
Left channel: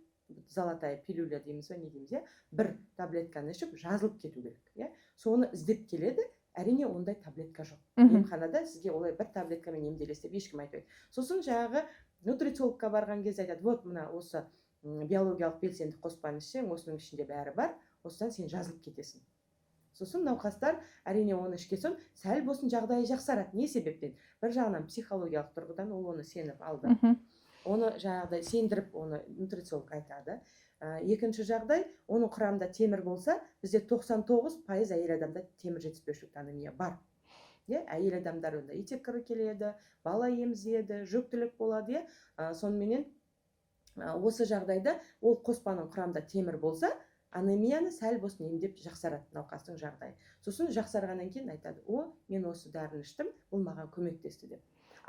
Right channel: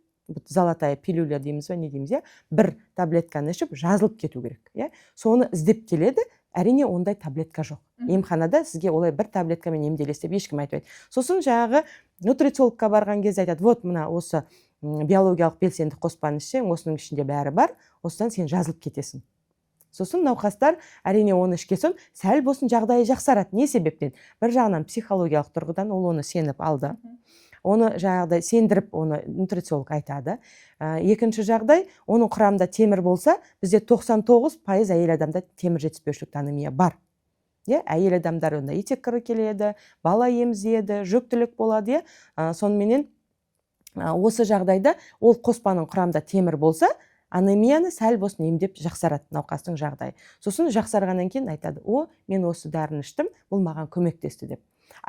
золотая пилюля дейміз бе, не дейміз, бір таблетканы ішіп, жазылып кету керек. Соны іздеп келеді. Әрине ондай таблетка жоқ. Емханада сізге олай бір таблеткамен емделесіз деп ешкім айтпайды. Сосын жаңағы нутрициологқа барған кезде айтады, вот мына осы биологиялық белсенді қоспаны ішсең, осының ішінде бәрі бар, осыдан сен жазылып кетесің. Сосын науқастар әрине оны ішкен соң сәл болсын жағдайы жақсарады. Не себептен? Бір жағынан психологиялық тұрғыдан ол оны сеніп алды. Оны жаңағыдай сендіріп, оны нутрициолог айтады. Екінші жағдай, оның құрамында темір болса, бізде 99% әйел адамда темір жетіспеушілік анемия бар. Әйел адамдар онда итек кірі келеді, бала емізеді, жүктілік болады. Соныменен осы жағдайда ол қоспаның құрамында темір болса, анемияны сәл болсын емдеп жақсарады науқастың жағдайы. Сосын жақсарғаннан кейін айтады, мен осы дәріні іштім, бұл маған көмектесті деп.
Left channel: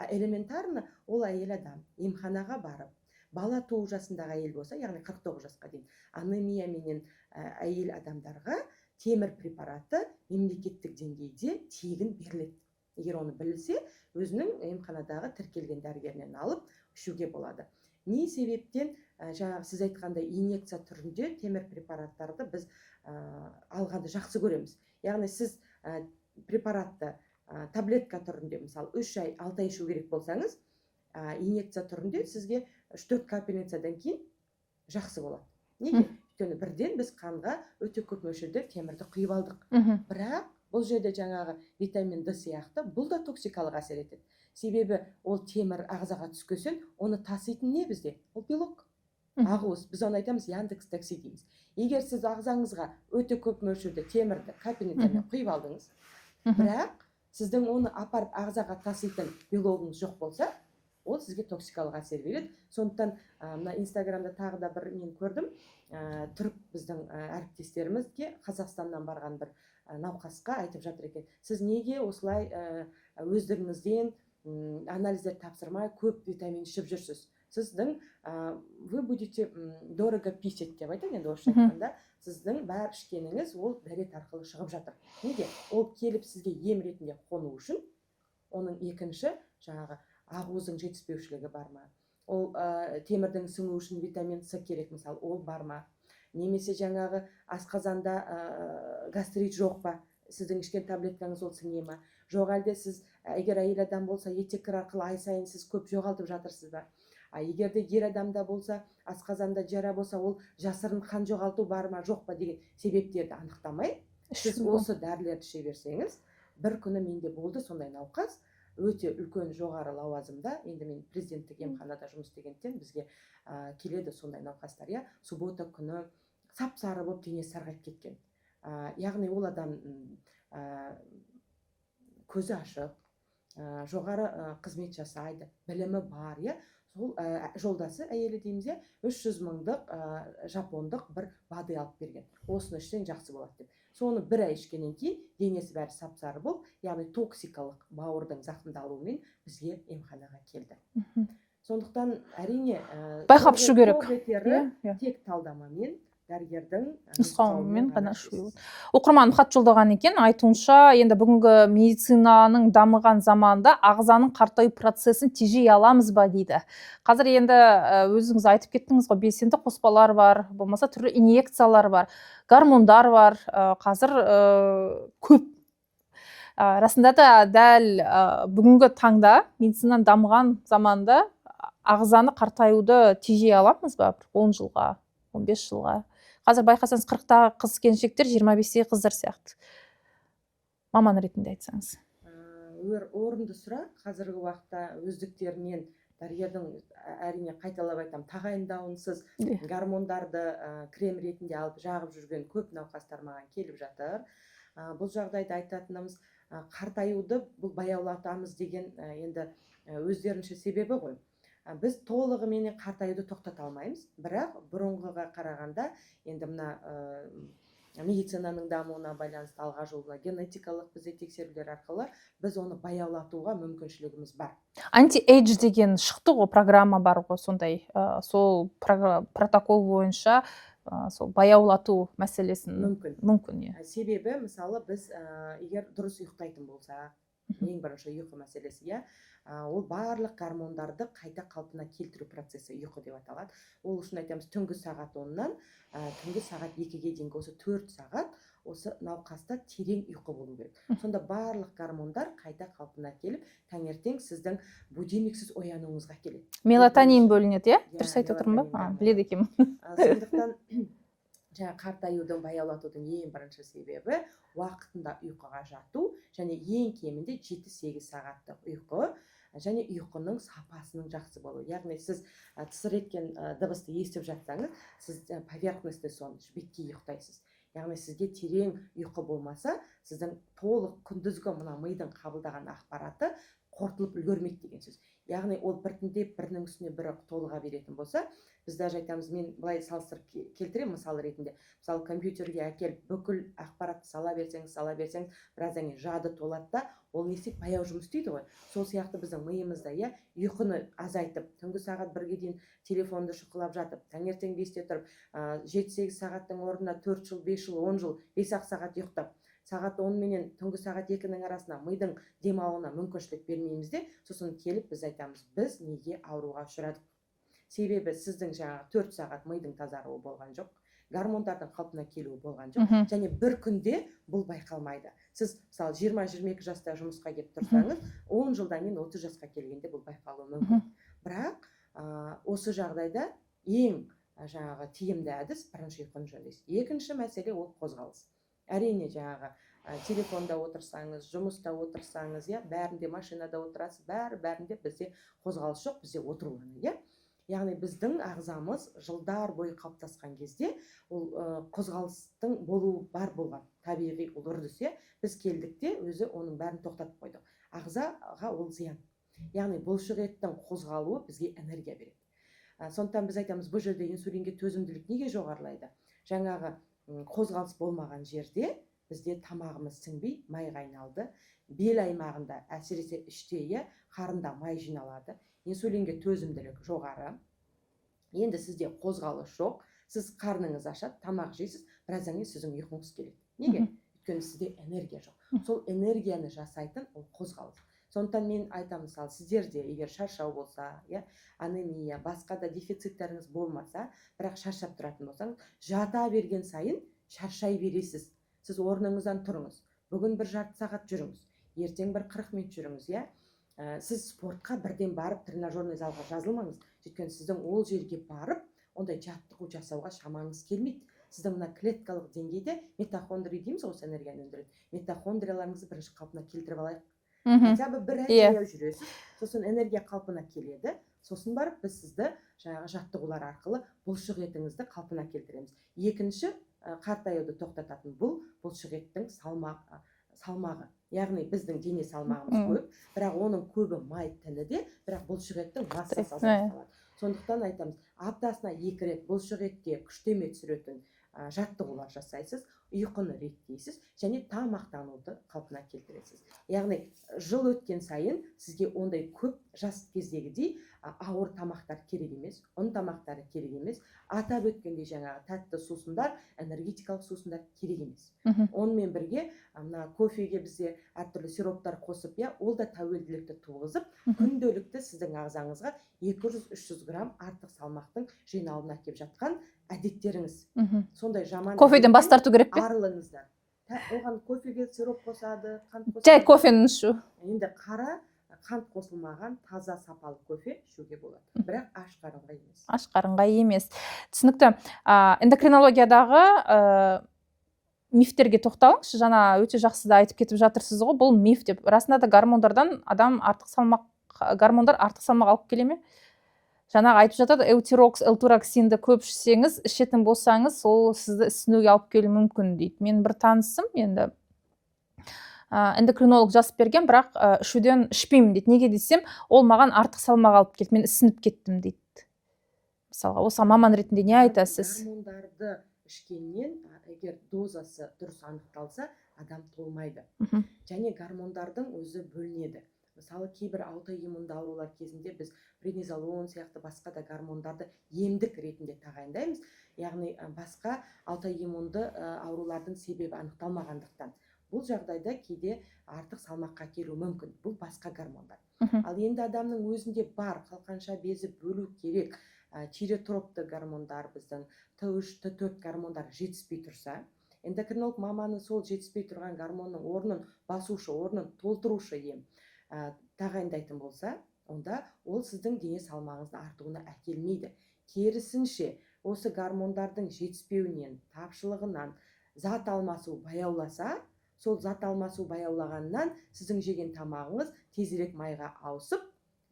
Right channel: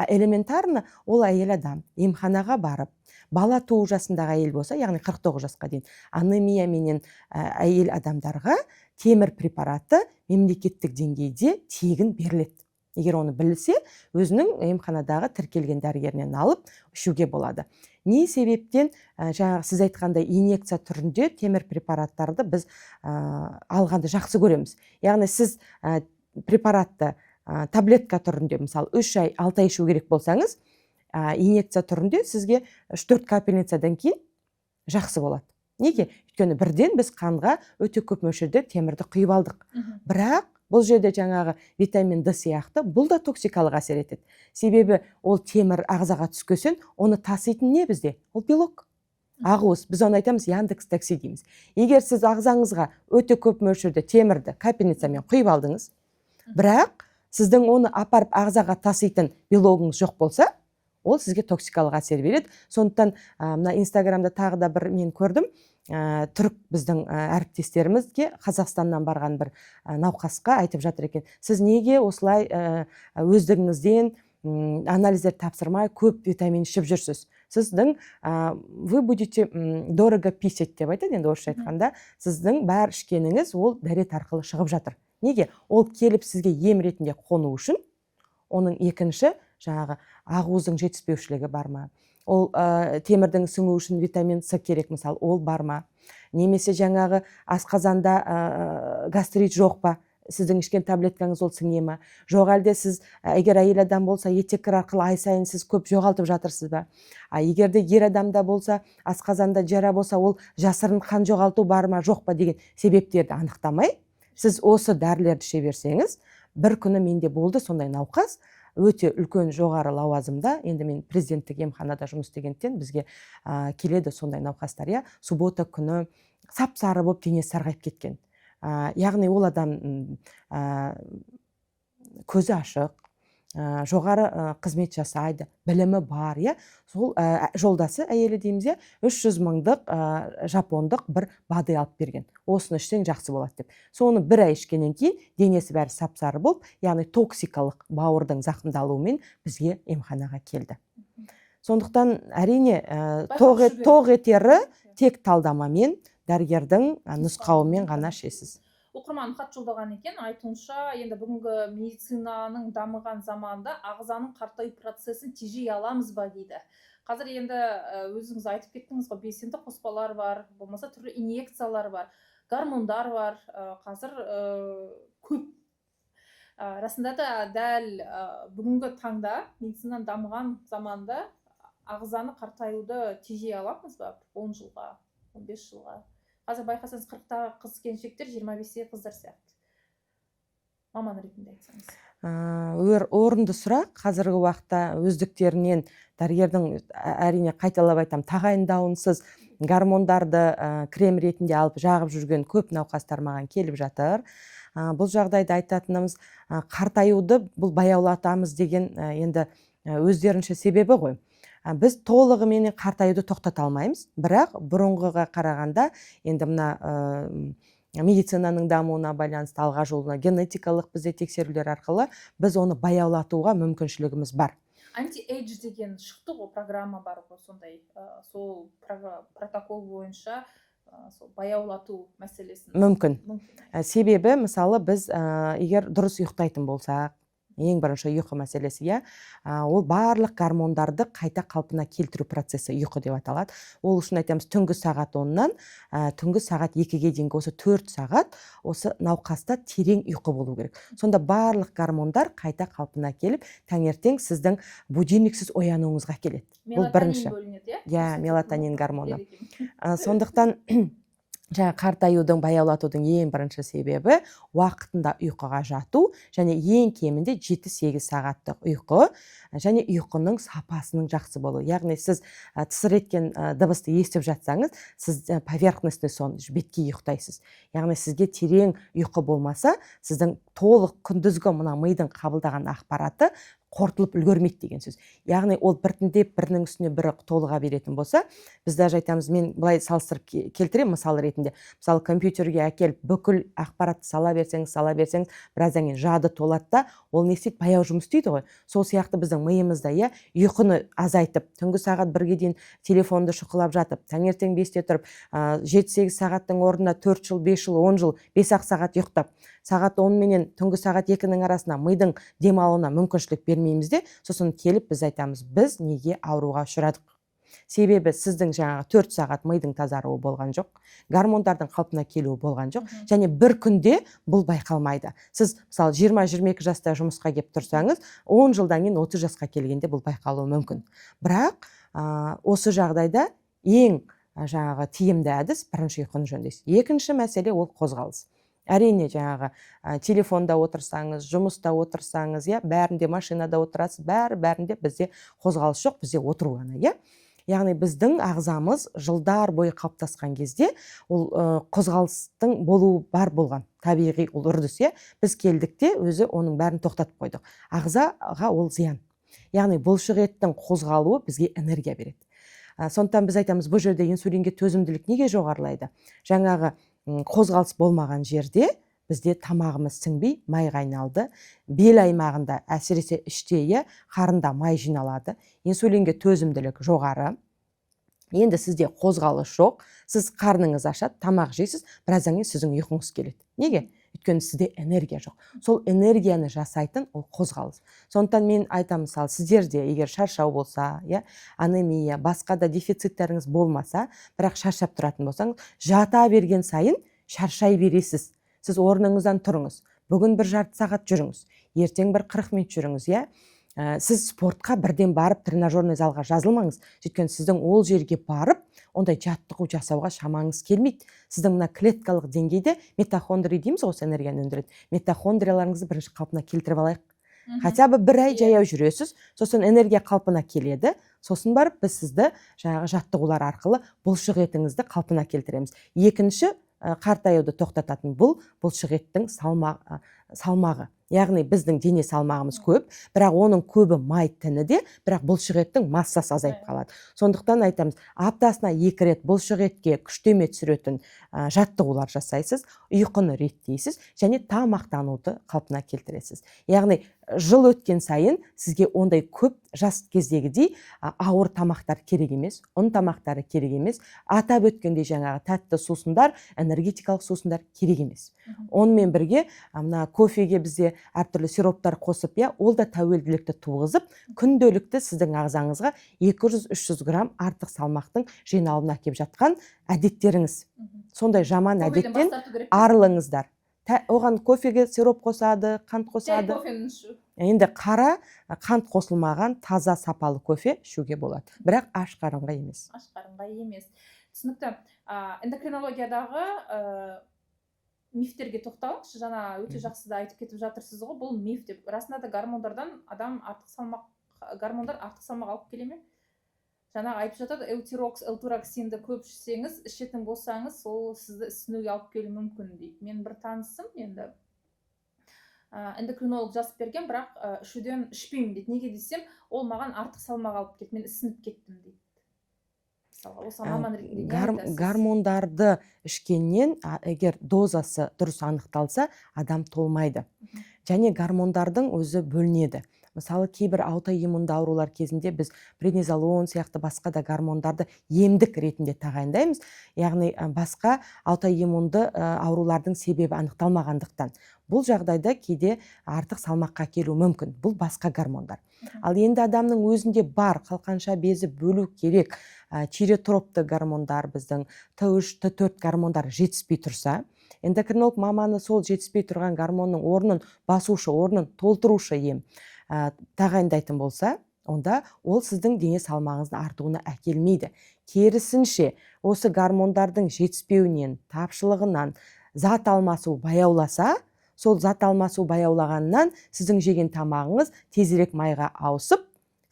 Элементарно ол әйел адам емханаға барып, бала туу жасындағы әйел болса, яғни 49 жасқа дейін, анемия менен әйел адамдарға темір препараты мемлекеттік деңгейде тегін беріледі. Егер оны білсе, өзінің емханадағы тіркелген дәрігерінен алып ішуге болады. Не себептен жаңағы сіз айтқандай инъекция түрінде темір препараттарды біз алғанды жақсы көреміз. Яғни сіз препаратты таблетка түрінде, мысалы 3 ай, 6 ай ішу керек болсаңыз, инъекция түрінде сізге 3-4 капельницадан кейін жақсы болады. Неге? Өйткені бірден біз қанға өте көп мөлшерде темірді құйып алдық. Бірақ бұл жерде жаңағы витамин D сияқты бұл да токсикалық әсер етеді. Себебі ол темір ағзаға түскесін, оны таситын не бізде? Ол белок. Ақуыз, біз оны айтамыз Яндекс такси дейміз. Егер сіз ағзаңызға өте көп мөлшерде темірді капельницамен құйып алдыңыз, бірақ сіздің оны апарып ағзаға таситын белогыңыз жоқ болса, ол сізге токсикалық әсер береді. Сондықтан мына Инстаграмда тағы да бір мен көрдім, түрік біздің әріптестерімізге Қазақстаннан барған бір науқасқа айтып жатыр екен, сіз неге осылай өздігіңізден анализдер тапсырмай көп витамин ішіп жүрсіз? Сіздің вы будете дорого писать деп айтады, енді орысша айтқанда, сіздің бәр ішкеніңіз ол дәрет арқылы шығып жатыр. Неге? Ол келіп сізге ем ретінде қону үшін, оның екінші жаңағы ақуыздың жетіспеушілігі бар ма? Ол темірдің сіңу үшін витамин С керек, мысалы, ол бар ма? Немесе жаңағы асқазанда гастрит жоқ па? Сіздің ішкен таблеткаңыз ол сіңе ма? Жоқ әлде сіз, егер әйел адам болса, еттеккір арқылы ай сайын сіз көп жоғалтып жатырсыз ба? Егер де ер адамда болса, асқазанда жара болса, ол жасырын қан жоғалту бар ма, жоқ па деген себептерді анықтамай, сіз осы дәрілерді іше берсеңіз, бір күні менде болды сондай науқас, өте үлкен жоғары лауазымда, енді мен президенттік емханада жұмыс істегендіктен бізге келеді сондай науқастар, суббота күні сап-сары болып денесі сарғайып кеткен. Яғни ол адам көзі ашық, жоғары қызмет жасайды, білімі бар, сол жолдасы әйелі дейміз, 300 мыңдық жапондық бір бады алып берген. Осыны ішсең жақсы болады деп. Соны бір ай ішкеннен кейін денесі бәрі сап-сары болып, яғни токсикалық бауырдың зақымдалуымен бізге емханаға келді. Сондықтан әрине тоқ етері тек талдамамен, дәрігердің нұсқауымен ғана ішесіз. Оқырман хат жолдаған екен, айтуынша, енді бүгінгі медицинаның дамыған заманда ағзаның қартаю процесін тежей аламыз ба дейді. Қазір енді өзіңіз айтып кеттіңіз ғой, белсенді қоспалар бар, болмаса түрлі инъекциялар бар, гормондар бар, қазір көп. Расында да дәл бүгінгі таңда медицинаның дамыған заманда ағзаны қартаюды тежей аламыз ба? 10 жылға, 15 жылға. Қазір байқасаңыз 40-тағы қыз келіншектер 25-тегі қыздар сияқты. Маман ретінде айтсаңыз. Орынды сұрақ. Қазіргі уақытта өздіктерінен дәрігердің әрине қайталап айтам, тағайындауынсыз гормондарды крем ретінде алып жағып жүрген көп науқастар маған келіп жатыр. Бұл жағдайда айтатынымыз, қартаюды бұл баяулатамыз деген енді өздерінше себебі ғой. Біз толығымен қартаюды тоқтата алмаймыз, бірақ бұрынғыға қарағанда енді мына медицинаның дамуына байланысты алға жолына генетикалық бізде тексерулер арқылы біз оны баяулатуға мүмкіншілігіміз бар. Анти-эйдж деген шықты ғой, программа бар ғой, сондай, сол протокол бойынша сол баяулату мәселесін мүмкін. Себебі, мысалы, біз егер дұрыс ұйықтайтын болсақ, ең бірінші ұйқы мәселесі, ол барлық гормондарды қайта қалпына келтіру процесі ұйқы деп аталады. Ол үшін айтамыз, түнгі сағат 10-нан түнгі сағат 2-ге дейінгі осы 4 сағат осы науқаста терең ұйқы болу керек. Сонда барлық гормондар қайта қалпына келіп, таңертең сіздің будильниксіз оянуыңызға келеді. Мелатонин бөлінеді, мелатонин гормоны. Сондықтан қартаюдың, баяулатудың ең бірінші себебі уақытында ұйқыға жату, және ең кемінде 7-8 сағаттық ұйқы, және ұйқының сапасының жақсы болуы. Яғни сіз тысыр еткен дыбысты естіп жатсаңыз, сіз поверхностный сон, бетке ұйықтайсыз. Яғни сізге терең ұйқы болмаса, сіздің толық күндізгі мына мидың қабылдаған ақпараты қорытылып үлгермейді деген сөз. Яғни ол біртіндеп бірінің үстіне бірі толыға беретін болса, біз даже айтамыз, мен былай салыстырып келтіремін мысал ретінде. Мысалы, компьютерге әкеліп бүкіл ақпаратты сала берсеңіз, біраздан кейін жады толады да, ол не істейді, баяу жұмыс істейді ғой. Сол сияқты біздің миымызда, ұйқыны азайтып, түнгі сағат 1-ге дейін телефонды шұқылап жатып, таңертең 5-те тұрып, 7-8 сағаттың орнына 4 жыл, 5 жыл, 10 жыл, 5-ақ сағат ұйықтап, сағат 10 менен түнгі сағат 2-нің арасына мидың демалуына мүмкіншілік бермейміз де, сосын келіп біз айтамыз, біз неге ауруға ұшырадық? Себебі сіздің жаңағы 4 сағат мидың тазаруы болған жоқ, гормондардың қалпына келуі болған жоқ, және бір күнде бұл байқалмайды. Сіз мысалы 20-22 жаста жұмысқа келіп тұрсаңыз, 10 жылдан кейін 30 жасқа келгенде бұл байқалуы мүмкін. Бірақ осы жағдайда ең жаңағы тиімді әдіс бірінші ұйқыны жөндейсіз. Екінші мәселе ол қозғалыс. Әрине жаңағы телефонда отырсаңыз, жұмыста отырсаңыз, бәрінде машинада отырасыз, бәрінде бізде қозғалыс жоқ, бізде отыру ғана, Яғни біздің ағзамыз жылдар бойы қалыптасқан кезде ол қозғалыстың болуы бар болған, табиғи ол үрдіс, Біз келдікте өзі оның бәрін тоқтатып қойдық. Ағзаға ол зиян. Яғни бұлшық еттің қозғалуы бізге энергия береді. Сондықтан біз айтамыз, бұл жерде инсулинге төзімділік неге жоғарылайды? Жаңағы қозғалыс болмаған жерде бізде тамағымыз сіңбей, майға айналды, бел аймағында, әсіресе іште, қарында май жиналады, инсулинге төзімділік жоғары. Енді сізде қозғалыс жоқ, сіз қарныңыз ашады, тамақ жейсіз, біраздан кейін сіздің ұйқыңыз келеді. Неге? Өйткені сізде энергия жоқ. Сол энергияны жасайтын ол қозғалыс. Сондықтан мен айтамын, мысалы, сіздерде егер шаршау болса, анемия, басқа да дефициттеріңіз болмаса, бірақ шаршап тұратын болсаңыз, жата берген сайын шаршай бересіз. Сіз орныңыздан тұрыңыз. Бүгін бір жарты сағат жүріңіз. Ертең бір 40 минут жүріңіз, Сіз спортқа бірден барып тренажерный залға жазылмаңыз. Өйткені сіздің ол жерге барып, ондай жаттығу жасауға шамаңыз келмейді. Сіздің мына клеткалық деңгейде митохондрия дейміз, осы энергияны өндіреді. Митохондрияларыңызды бірінші қалпына келтіріп алайық. Хотя бы бір ай жаяу жүресіз, сосын энергия қалпына келеді, сосын барып біз сізді жаңағы жаттығулар арқылы бұлшық етіңізді қалпына келтіреміз. Екінші, қартаюды тоқтататын бұлшық еттің салмағы. Яғни біздің дене салмағымыз көп, бірақ оның көбі май тініде, бірақ бұлшық еттің массасы азайып қалады. Сондықтан айтамыз, аптасына 2 рет бұлшық етке күштеме түсіретін жаттығулар жасайсыз, ұйқыны реттейсіз, және тамақтануды қалпына келтіресіз. Яғни жыл өткен сайын сізге ондай көп жас кездегідей ауыр тамақтар керек емес, ұн тамақтары керек емес, атап өткендей жаңағы тәтті сусындар, энергетикалық сусындар керек емес. Онымен бірге мына кофеге бізде әртүрлі сироптар қосып, ол да тәуелділікті туғызып, күнделікті сіздің ағзаңызға 200-300 грамм артық салмақтың жиналуына әкеп жатқан әдеттеріңіз. Сондай жаман кофеден бас тарту керек пе? Арылыңыздар. Оған кофеге сироп қосады, қант қосады. Жай кофені ішу. Енді қара, қант қосылмаған таза сапалы кофе ішуге болады. Бірақ аш қарынға емес. Аш қарынға емес. Түсінікті. Эндокринологиядағы мифтерге тоқталыңызшы. Жаңа өте жақсы да айтып кетіп жатырсыз ғой, бұл миф деп. Расында да гормондар артық салмақ алып келе ме? Жаңағы айтып жатады, эутирокс, элтуроксинді көп ішсеңіз, ішетін болсаңыз, ол сізді ісінуге алып келуі мүмкін дейді. Мен бір танысым, енді эндокринолог жазып берген, бірақ ішуден ішпеймін дейді. Неге десем, ол маған артық салмақ алып келді, мен ісініп кеттім дейді. Мысалға, осы маман ретінде не айтасыз? Гормондарды ішкеннен, егер дозасы дұрыс анықталса, адам толмайды. Және гормондардың өзі бөлінеді. Мысалы, кейбір аутоиммунды аурулар кезінде біз преднизолон сияқты басқа да гормондарды емдік ретінде тағайындаймыз. Яғни басқа аутоиммунды аурулардың себебі анықталмағандықтан. Бұл жағдайда кейде артық салмаққа келу мүмкін. Бұл басқа гормондар. Ал енді адамның өзінде бар қалқанша безі бөлу керек тиреотропты гормондар, біздің Т3, Т4 гормондар жетіспей тұрса, эндокринолог маманы сол жетіспей тұрған гормонның орнын басушы, орнын толтырушы ем тағайындайтын болса, онда ол сіздің дене салмағыңыздың артуына әкелмейді. Керісінше, осы гормондардың жетіспеуінен, тапшылығынан зат алмасу баяуласа, сол зат алмасу баяулағаннан сіздің жеген тамағыңыз тезірек майға ауысып,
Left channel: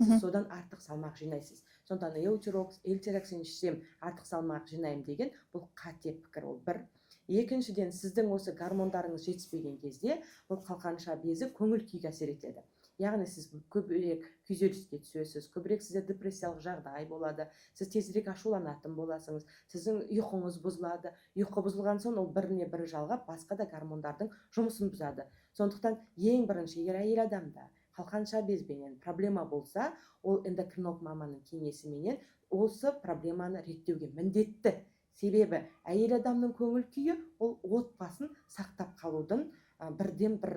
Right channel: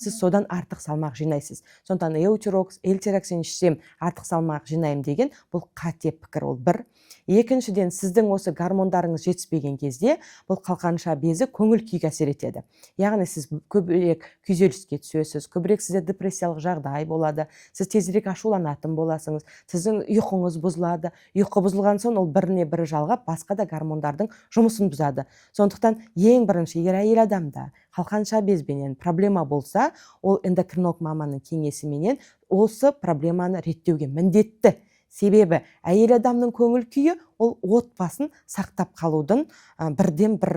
сіз содан артық салмақ жинайсыз. Сондықтан эутирокс, эльтероксин ішсем артық салмақ жинаймын деген бұл қате пікір, ол бір. Екіншіден, сіздің осы гормондарыңыз жетіспеген кезде бұл қалқанша безі көңіл күйге әсер етеді. Яғни сіз көбірек күйзеліске түсесіз, көбірек сізде депрессиялық жағдай болады, сіз тезірек ашуланатын боласыңыз, сіздің ұйқыңыз бұзылады. Ұйқы бұзылған соң ол біріне бірі жалғап басқа да гормондардың жұмысын бұзады. Сондықтан ең бірінші, егер әйел адамда қалқанша безбенен проблема болса, ол эндокринолог маманның кеңесіменен осы проблеманы реттеуге міндетті. Себебі әйел адамның көңіл күйі ол отбасын сақтап қалудың бірден бір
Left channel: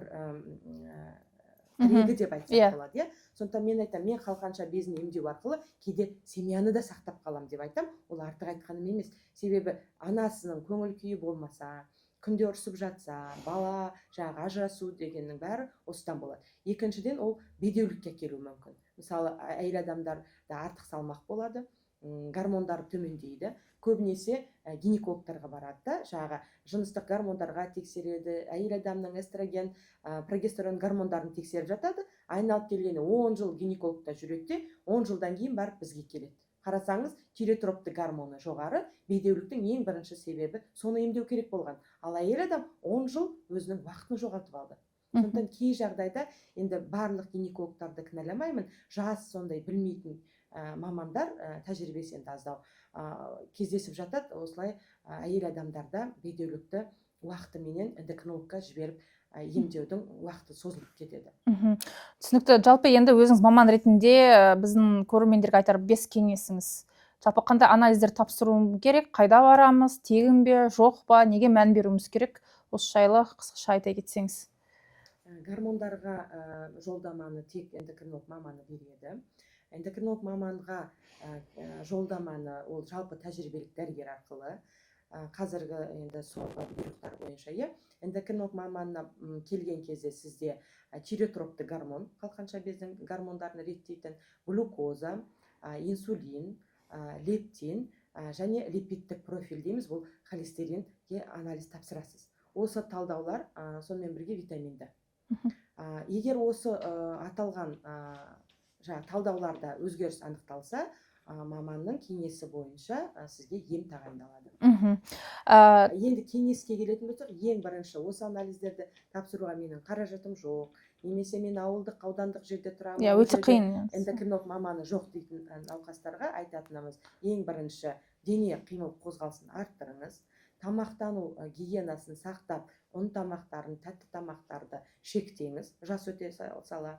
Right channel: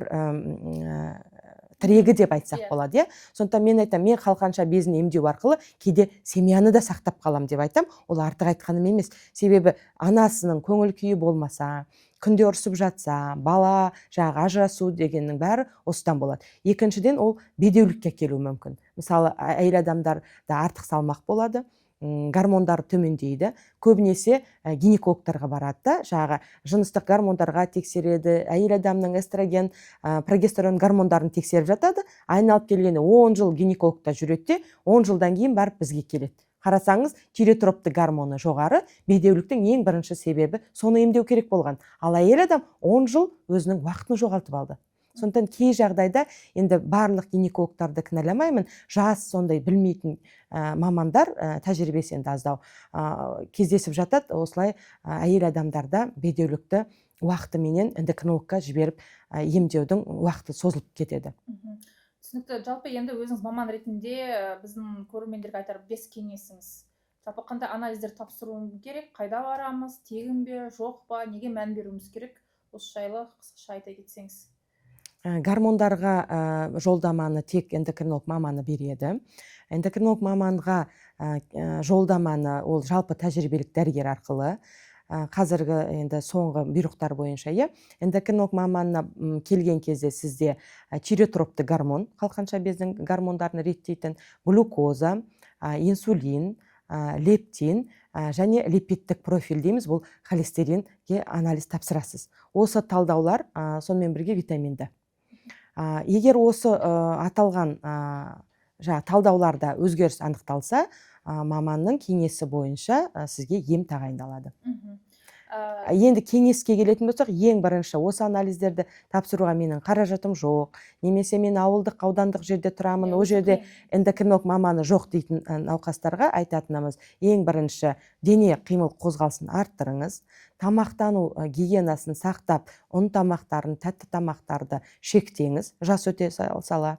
тірегі деп айтсақ болады. Сондықтан мен айтам, мен қалқанша безін емдеу арқылы кейде семьяны да сақтап қалам деп айтам. Ол артық айтқаным емес. Себебі анасының көңіл күйі болмаса, күнде ұрсып жатса, бала ажырасу дегеннің бәрі осыдан болады. Екіншіден, ол бедеулікке келуі мүмкін. Мысалы, әйел адамдарда артық салмақ болады, гормондар төмендейді. Көбінесе гинекологтарға барады да, жыныстық гормондарға тексереді, әйел адамның эстроген, прогестерон гормондарын тексеріп жатады. Айналып келгенде 10 жыл гинекологта жүреді, 10 жылдан кейін барып бізге келеді. Қарасаңыз, тиреотропты гормоны жоғары, бедеуліктің ең бірінші себебі соны емдеу керек болған. Ал әйел адам 10 жыл өзінің уақытын жоғалтып алды. Сондықтан кей жағдайда енді барлық гинекологтарды кінәламаймын, жас сондай білмейтін мамандар тәжірибесі енді аздау кездесіп жатады. Осылай әйел адамдарда бедеулікті уақытыменен эндокринологқа жіберіп емдеудің уақыты созылып кетеді. Түсінікті. Жалпы енді өзіңіз маман ретінде біздің көрермендерге айтар 5 кеңесіңіз. Жалпы қандай анализдер тапсыруым керек, қайда барамыз, тегін бе, жоқ па, неге мән беруіміз керек? Осы жайлы қысқаша айта кетсеңіз. Гормондарға жолдаманы тек эндокринолог маманы береді. Эндокринолог маманға жолдаманы ол жалпы тәжірибелік дәрігер арқылы. Қазіргі енді соңғы бұйрықтар бойынша, эндокринолог маманына келген кезде сізде тиреотропты гормон, қалқанша бездің гормондарын реттейтін глюкоза, инсулин, лептин және липидтік профиль дейміз, бұл холестеринге анализ тапсырасыз. Осы талдаулар сонымен бірге витаминді. Егер осы аталған талдауларда өзгеріс анықталса, маманның кеңесі бойынша сізге ем тағайындалады. Енді кеңеске келетін болсақ, ең бірінші осы анализдерді тапсыруға менің қаражатым жоқ, немесе мен ауылдық, аудандық жерде тұрамын, ол жерде эндокринолог маманы жоқ дейтін науқастарға айтатынымыз, ең бірінші дене қимыл қозғалысын арттырыңыз, тамақтану гигиенасын сақтап, ұн тамақтарын, тәтті тамақтарды шектеңіз, жас өте сала.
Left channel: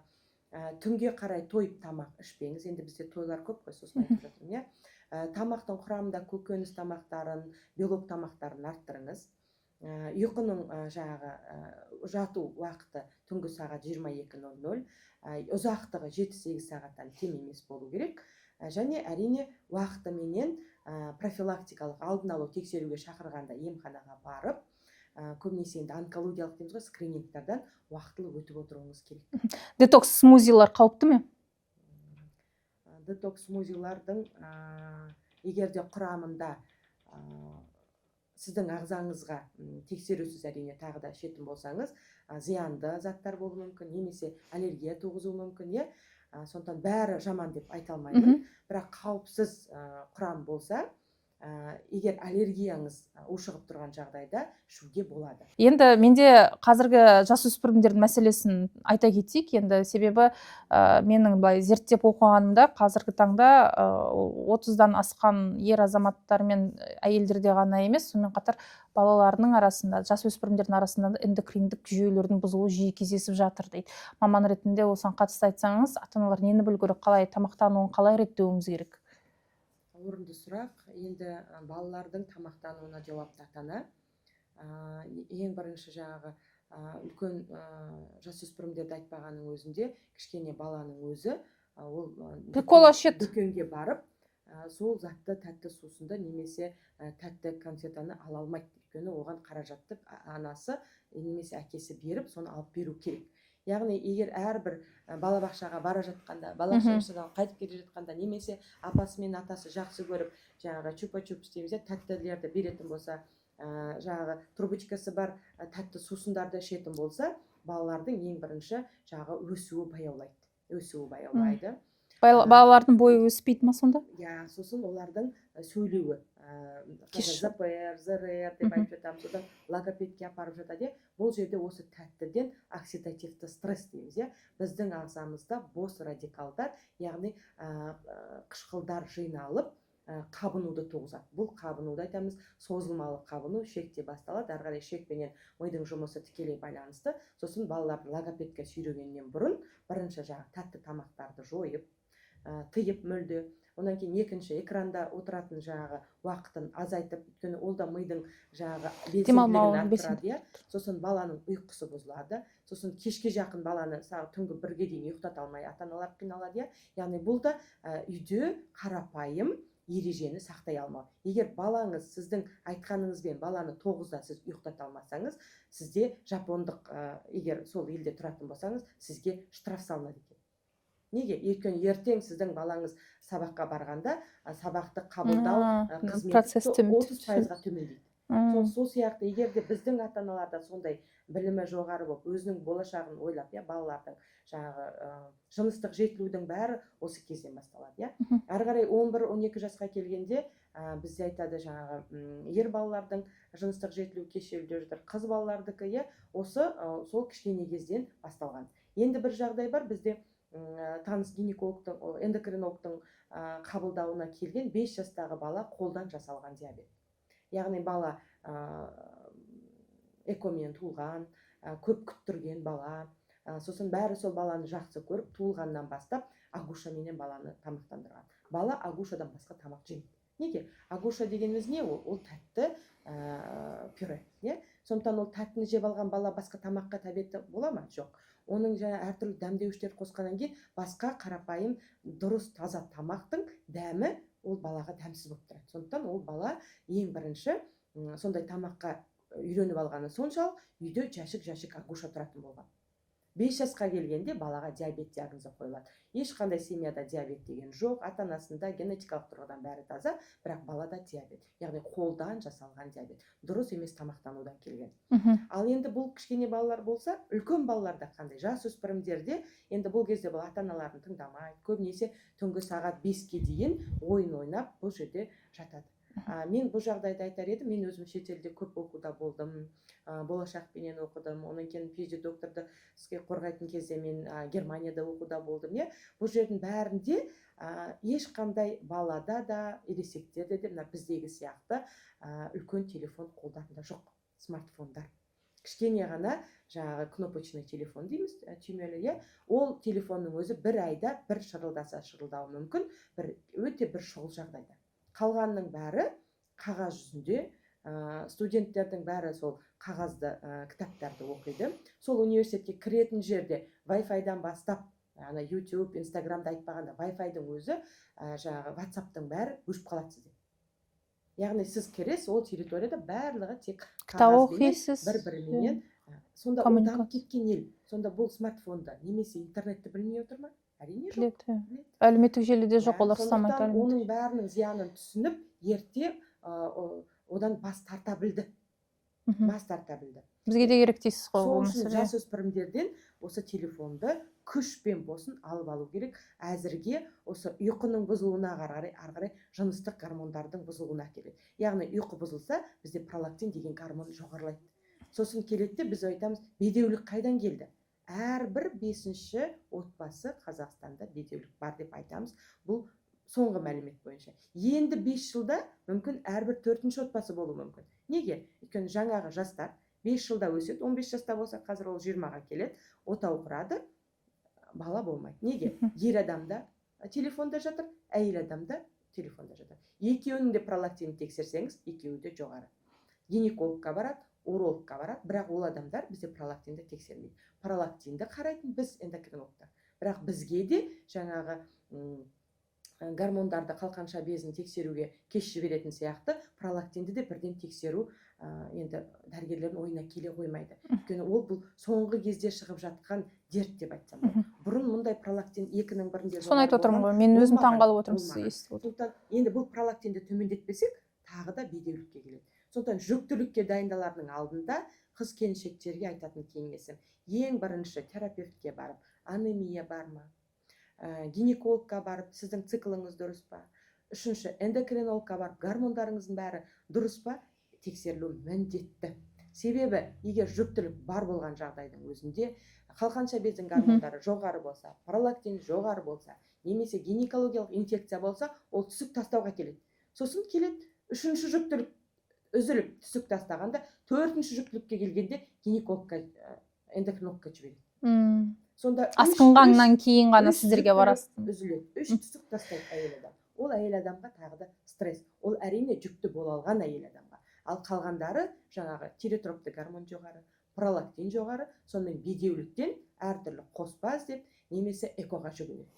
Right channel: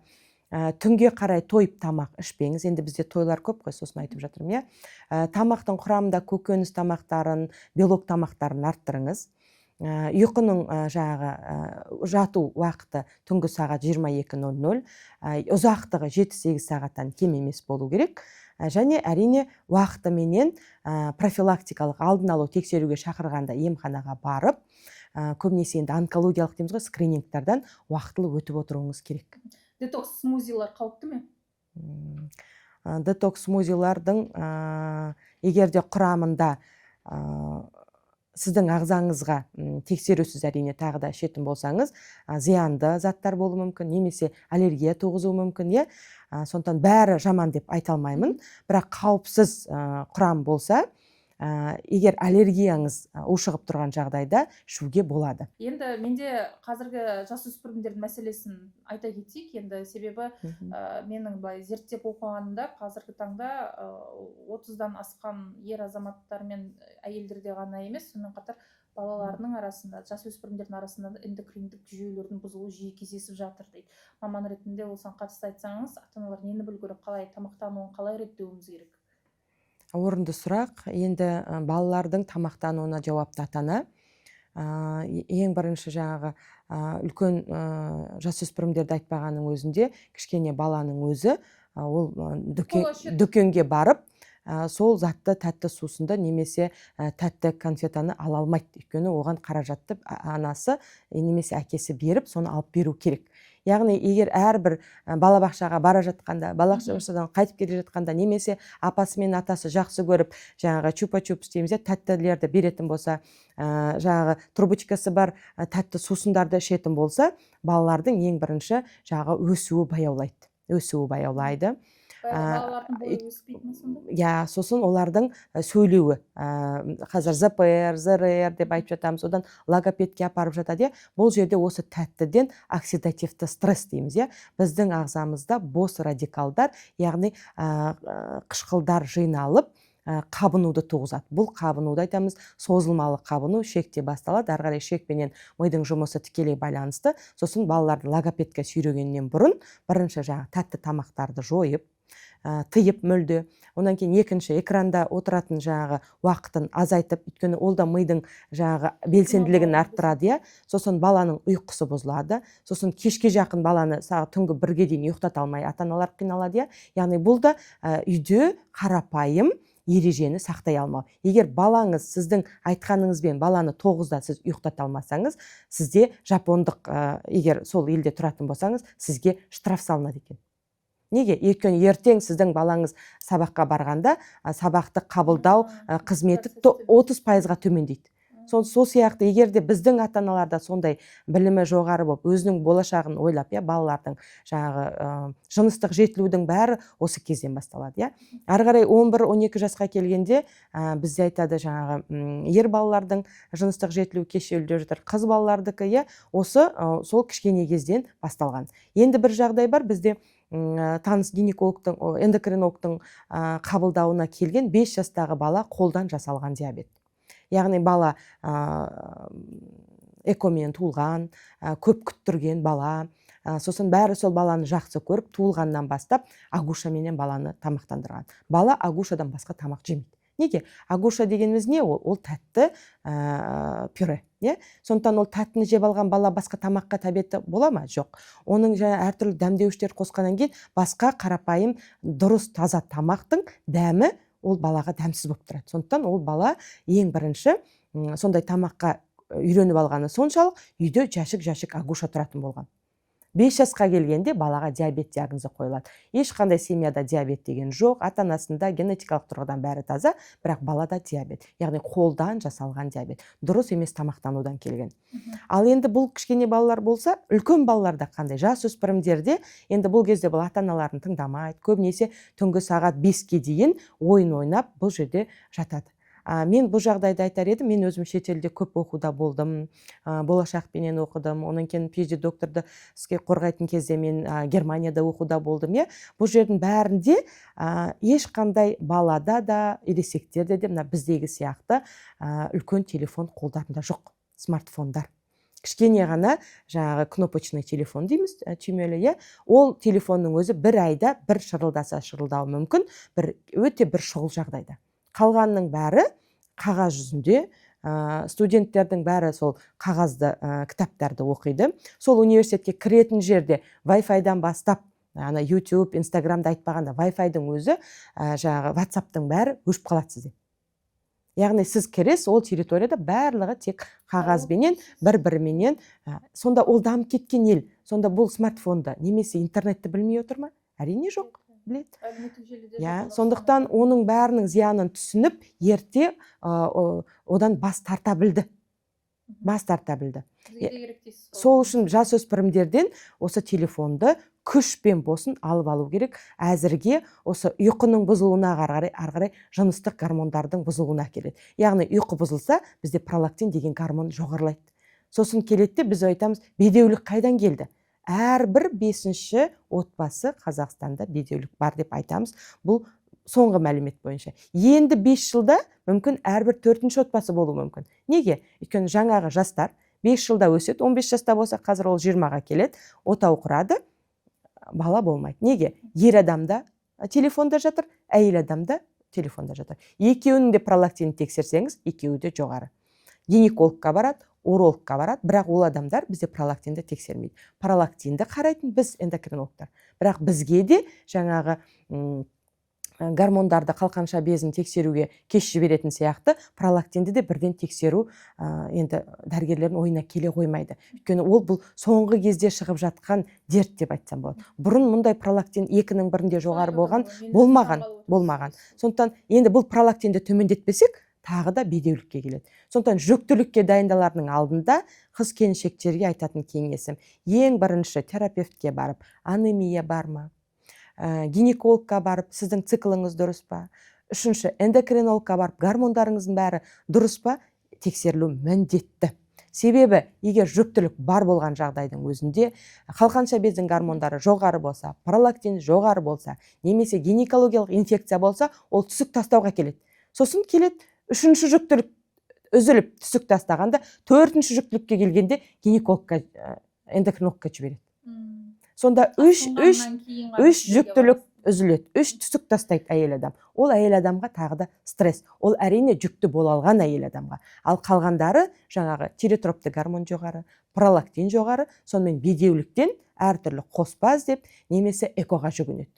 Түнге қарай тойып тамақ ішпеңіз. Енді бізде тойлар көп қой, сосын айтып жатырмын. Тамақтың құрамында көкөніс тамақтарын, белок тамақтарын арттырыңыз. Ұйқының жату уақыты түнгі сағат 22:00, ұзақтығы 7-8 сағаттан кем емес болу керек. Және әрине уақытыменен профилактикалық алдын алу тексеруге шақырғанда емханаға барып, көбінесе енді онкологиялық дейміз ғой, скринингтерден уақытылы өтіп отыруыңыз керек. Детокс смузилар қауіпті ме? Детокс смузилардың егерде құрамында сіздің ағзаңызға тексерусіз әрине тағы да ішетін болсаңыз, зиянды заттар болуы мүмкін, немесе аллергия туғызуы мүмкін. Сондықтан бәрі жаман деп айта алмаймын, бірақ қауіпсіз құрам болса, егер аллергияңыз ушығып тұрған жағдайда ішуге болады. Енді менде қазіргі жасөспірімдердің мәселесін айта кетейік. Енді себебі менің былай зерттеп оқығанымда қазіргі таңда 30-дан асқан ер азаматтар мен әйелдерде ғана емес, сонымен қатар балаларының арасында, жасөспірімдердің арасында эндокриндік жүйелердің бұзылуы жиі кездесіп жатыр дейді. Маман ретінде осыған қатысты айтсаңыз, ата-аналар нені білу керек, қалай тамақтануын қалай реттеуіміз керек? Орынды сұрақ. Енді балалардың тамақтануына жауапты ата-ана. Ең бірінші үлкен жасөспірімдерді айтпағаның өзінде, кішкене баланың өзі ол дүкенге барып, сол затты тәтті сусынды немесе тәтті конфетаны ала алмайды. Өйткені оған қаражатты анасы немесе әкесі беріп, соны алып беру керек. Яғни, егер әрбір балабақшаға бара жатқанда, балабақшадан қайтып келе жатқанда, немесе апасы мен атасы жақсы көріп, чупа-чупс дейміз, тәттілерді беретін болса, трубочкасы бар тәтті сусындарды ішетін болса, балалардың ең бірінші өсуі баяулайды. Балалардың бойы өспейді ма сонда? Сосын олардың сөйлеуі, қазір ЗПР, ЗРР деп айтып жатамыз, одан логопедке апарып жатады. Бұл жерде осы тәттіден оксидативті стресс дейміз. Біздің ағзамызда бос радикалдар, яғни қышқылдар жиналып, қабынуды туғызады. Бұл қабынуды айтамыз созылмалы қабыну, шекте басталады. Ары қарай шекпенен мидың жұмысы тікелей байланысты. Сосын балаларды логопедке сүйрегеннен бұрын бірінші тәтті тамақтарды жойып, тыйып мүлде. Онан кейін екінші экранда отыратын уақытын азайтып, өйткені ол да мидың белсенділігін арттырады. Сосын баланың ұйқысы бұзылады. Сосын кешке жақын баланы түнгі 1-ге дейін ұйықтата алмай ата-аналар қиналады. Яғни бұл да үйде қарапайым ережені сақтай алмау. Егер балаңыз сіздің айтқаныңызбен баланы 9-да сіз ұйықтата алмасаңыз, сізде жапондық, егер сол елде тұратын болсаңыз, сізге штраф салынады екен. Неге? Өйткені ертең сіздің балаңыз сабаққа барғанда сабақты қабылдау қызметі 30%-ға төмендейді. Сол сияқты, егер де біздің ата-аналарда сондай білімі жоғары болып, өзінің болашағын ойлап, балалардың жыныстық жетілудің бәрі осы кезден басталады. Ары қарай 11-12 жасқа келгенде бізде айтады, ер балалардың жыныстық жетілу кешеуілде жатыр, қыз балалардікі осы сол кішкене кезден басталған. Енді бір жағдай бар, бізде таныс гинекологтың, эндокринологтың қабылдауына келген 5 жастағы бала қолдан жасалған диабет. Яғни бала экомен туылған, көп күттірген бала, сосын бәрі сол баланы жақсы көріп, туылғаннан бастап агушаменен баланы тамақтандырған. Бала агушадан басқа тамақ жемейді. Неге? Агуша дегеніміз не ол? Ол тәтті пюре. Сондықтан ол тәттіні жеп алған бала басқа тамаққа тәбеті бола ма? Жоқ. Оның әртүрлі дәмдеуіштер қосқаннан кейін басқа қарапайым дұрыс таза тамақтың дәмі ол балаға дәмсіз болып тұрады. Сондықтан ол бала ең бірінші сондай тамаққа үйреніп алғаны соншалық үйде жәшік агуша тұратын болған. 5 жасқа келгенде балаға диабет диагнозы қойылады. Ешқандай семьяда диабет деген жоқ, ата-анасында генетикалық тұрғыдан бәрі таза, бірақ балада диабет. Яғни қолдан жасалған диабет. Дұрыс емес тамақтанудан келген. Ал енді бұл кішкене балалар болса, үлкен балаларда қандай? Жасөспірімдерде енді бұл кезде бұл ата-аналарын тыңдамайды. Көбінесе түнгі сағат 5-ке дейін ойын ойнап бұл жерде жатады. Мен бұл жағдайда айтар едім, мен өзім шетелде көп оқуда болдым, болашақпенен оқыдым, онан кейін PhD докторды іске қорғайтын кезде мен Германияда оқуда болдым. Бұл жердің бәрінде ешқандай балада да, ересектерде де біздегі сияқты үлкен телефон қолдарында жоқ, смартфондар. Кішкене ғана кнопочный телефон дейміз, түймелі. Ол телефонның өзі бір айда бір шырылдаса шырылдауы мүмкін, өте бір шұғыл жағдайда. Қалғанның бәрі қағаз жүзінде, студенттердің бәрі сол қағазды кітаптарды оқиды. Сол университетке кіретін жерде Wi-Fi-дан бастап, YouTube, Instagram'да айтпағанда Wi-Fi-дің өзі, WhatsApp-тың бәрі өшіп қалады сізде. Яғни сіз кіресіз, ол территорияда барлығы тек қағазбенен, бір-біріменен. Сонда ол дамып кеткен ел. Сонда бұл смартфонда немесе интернетті білмей отыр ма? Әрине жоқ. Әлеуметтік желіде жоқ олар. Сондықтан оның бәрінің зиянын түсініп, ерте одан бас тарта білді. Бізге де керек дейсіз ғой. Сол үшін жасөспірімдерден осы телефонды күшпен болсын алып алу керек. Әзірге осы ұйқының бұзылуына ары-қарай жыныстық гормондардың бұзылуына келеді. Яғни ұйқы бұзылса, бізде пролактин деген гормон жоғарылайды. Сосын келеді, біз айтамыз, бедеулік қайдан келді? Әрбір 5-ші отбасы Қазақстанда бедеулік бар деп айтамыз. Бұл соңғы мәлімет бойынша. Енді 5 жылда мүмкін әрбір 4-ші отбасы болу мүмкін. Неге? Өйткені жаңағы жастар 5 жылда өседі, 15 жаста болса, қазір ол 20-ға келеді, отау құрады, бала болмайды. Неге? Ер адамда телефонда жатыр, әйел адамда телефонда жатыр. Екеуінің де пролактинін тексерсеңіз, екеуі де жоғары. Гинекологқа барады, урологқа барады, бірақ ол адамдар бізде пролактинді тексермейді. Пролактинді қарайтын біз эндокринологтар. Бірақ бізге де жаңағы гормондарды қалқанша безін тексеруге кеш жіберетін сияқты, пролактинді де бірден тексеру енді дәрігерлердің ойына келе қоймайды. Өйткені ол бұл соңғы кезде шығып жатқан дерт деп айтсам болады. Бұрын мұндай пролактин 2-ның бірінде жоғары болмаған. Сондықтан енді бұл пролактинді төмендетпесек, тағы да бедеулікке келеді. Сондықтан жүктілікке дайындалардың алдында қыз келіншектерге айтатын кеңесім, ең бірінші терапевтке барып, анемия бар ма, гинекологқа барып сіздің цикліңіз дұрыс па, үшінші эндокринологқа барып гормондарыңыздың бәрі дұрыс па, тексерілу міндетті. Себебі егер жүктілік бар болған жағдайдың өзінде қалқанша бездің гормондары жоғары болса, пролактин жоғары болса, немесе гинекологиялық инфекция болса, ол түсік тастауға келеді. Сосын келеді үшінші жүктілік үзіліп түсік тастағанда, төртінші жүктілікке келгенде гинекологқа, эндокринологқа жібереді. Сонда асқынғаннан кейін ғана үш сіздерге жүктілік барасыз. үзіледі, үш түсік тастайды әйел адам. Ол әйел адамға тағы да стресс. Ол әрине жүкті бола алған әйел адамға. Ал қалғандары жаңағы тиротропты гормон жоғары, пролактин жоғары, сонымен бедеуліктен әртүрлі қоспа іздеп немесе экоға жүгінеді.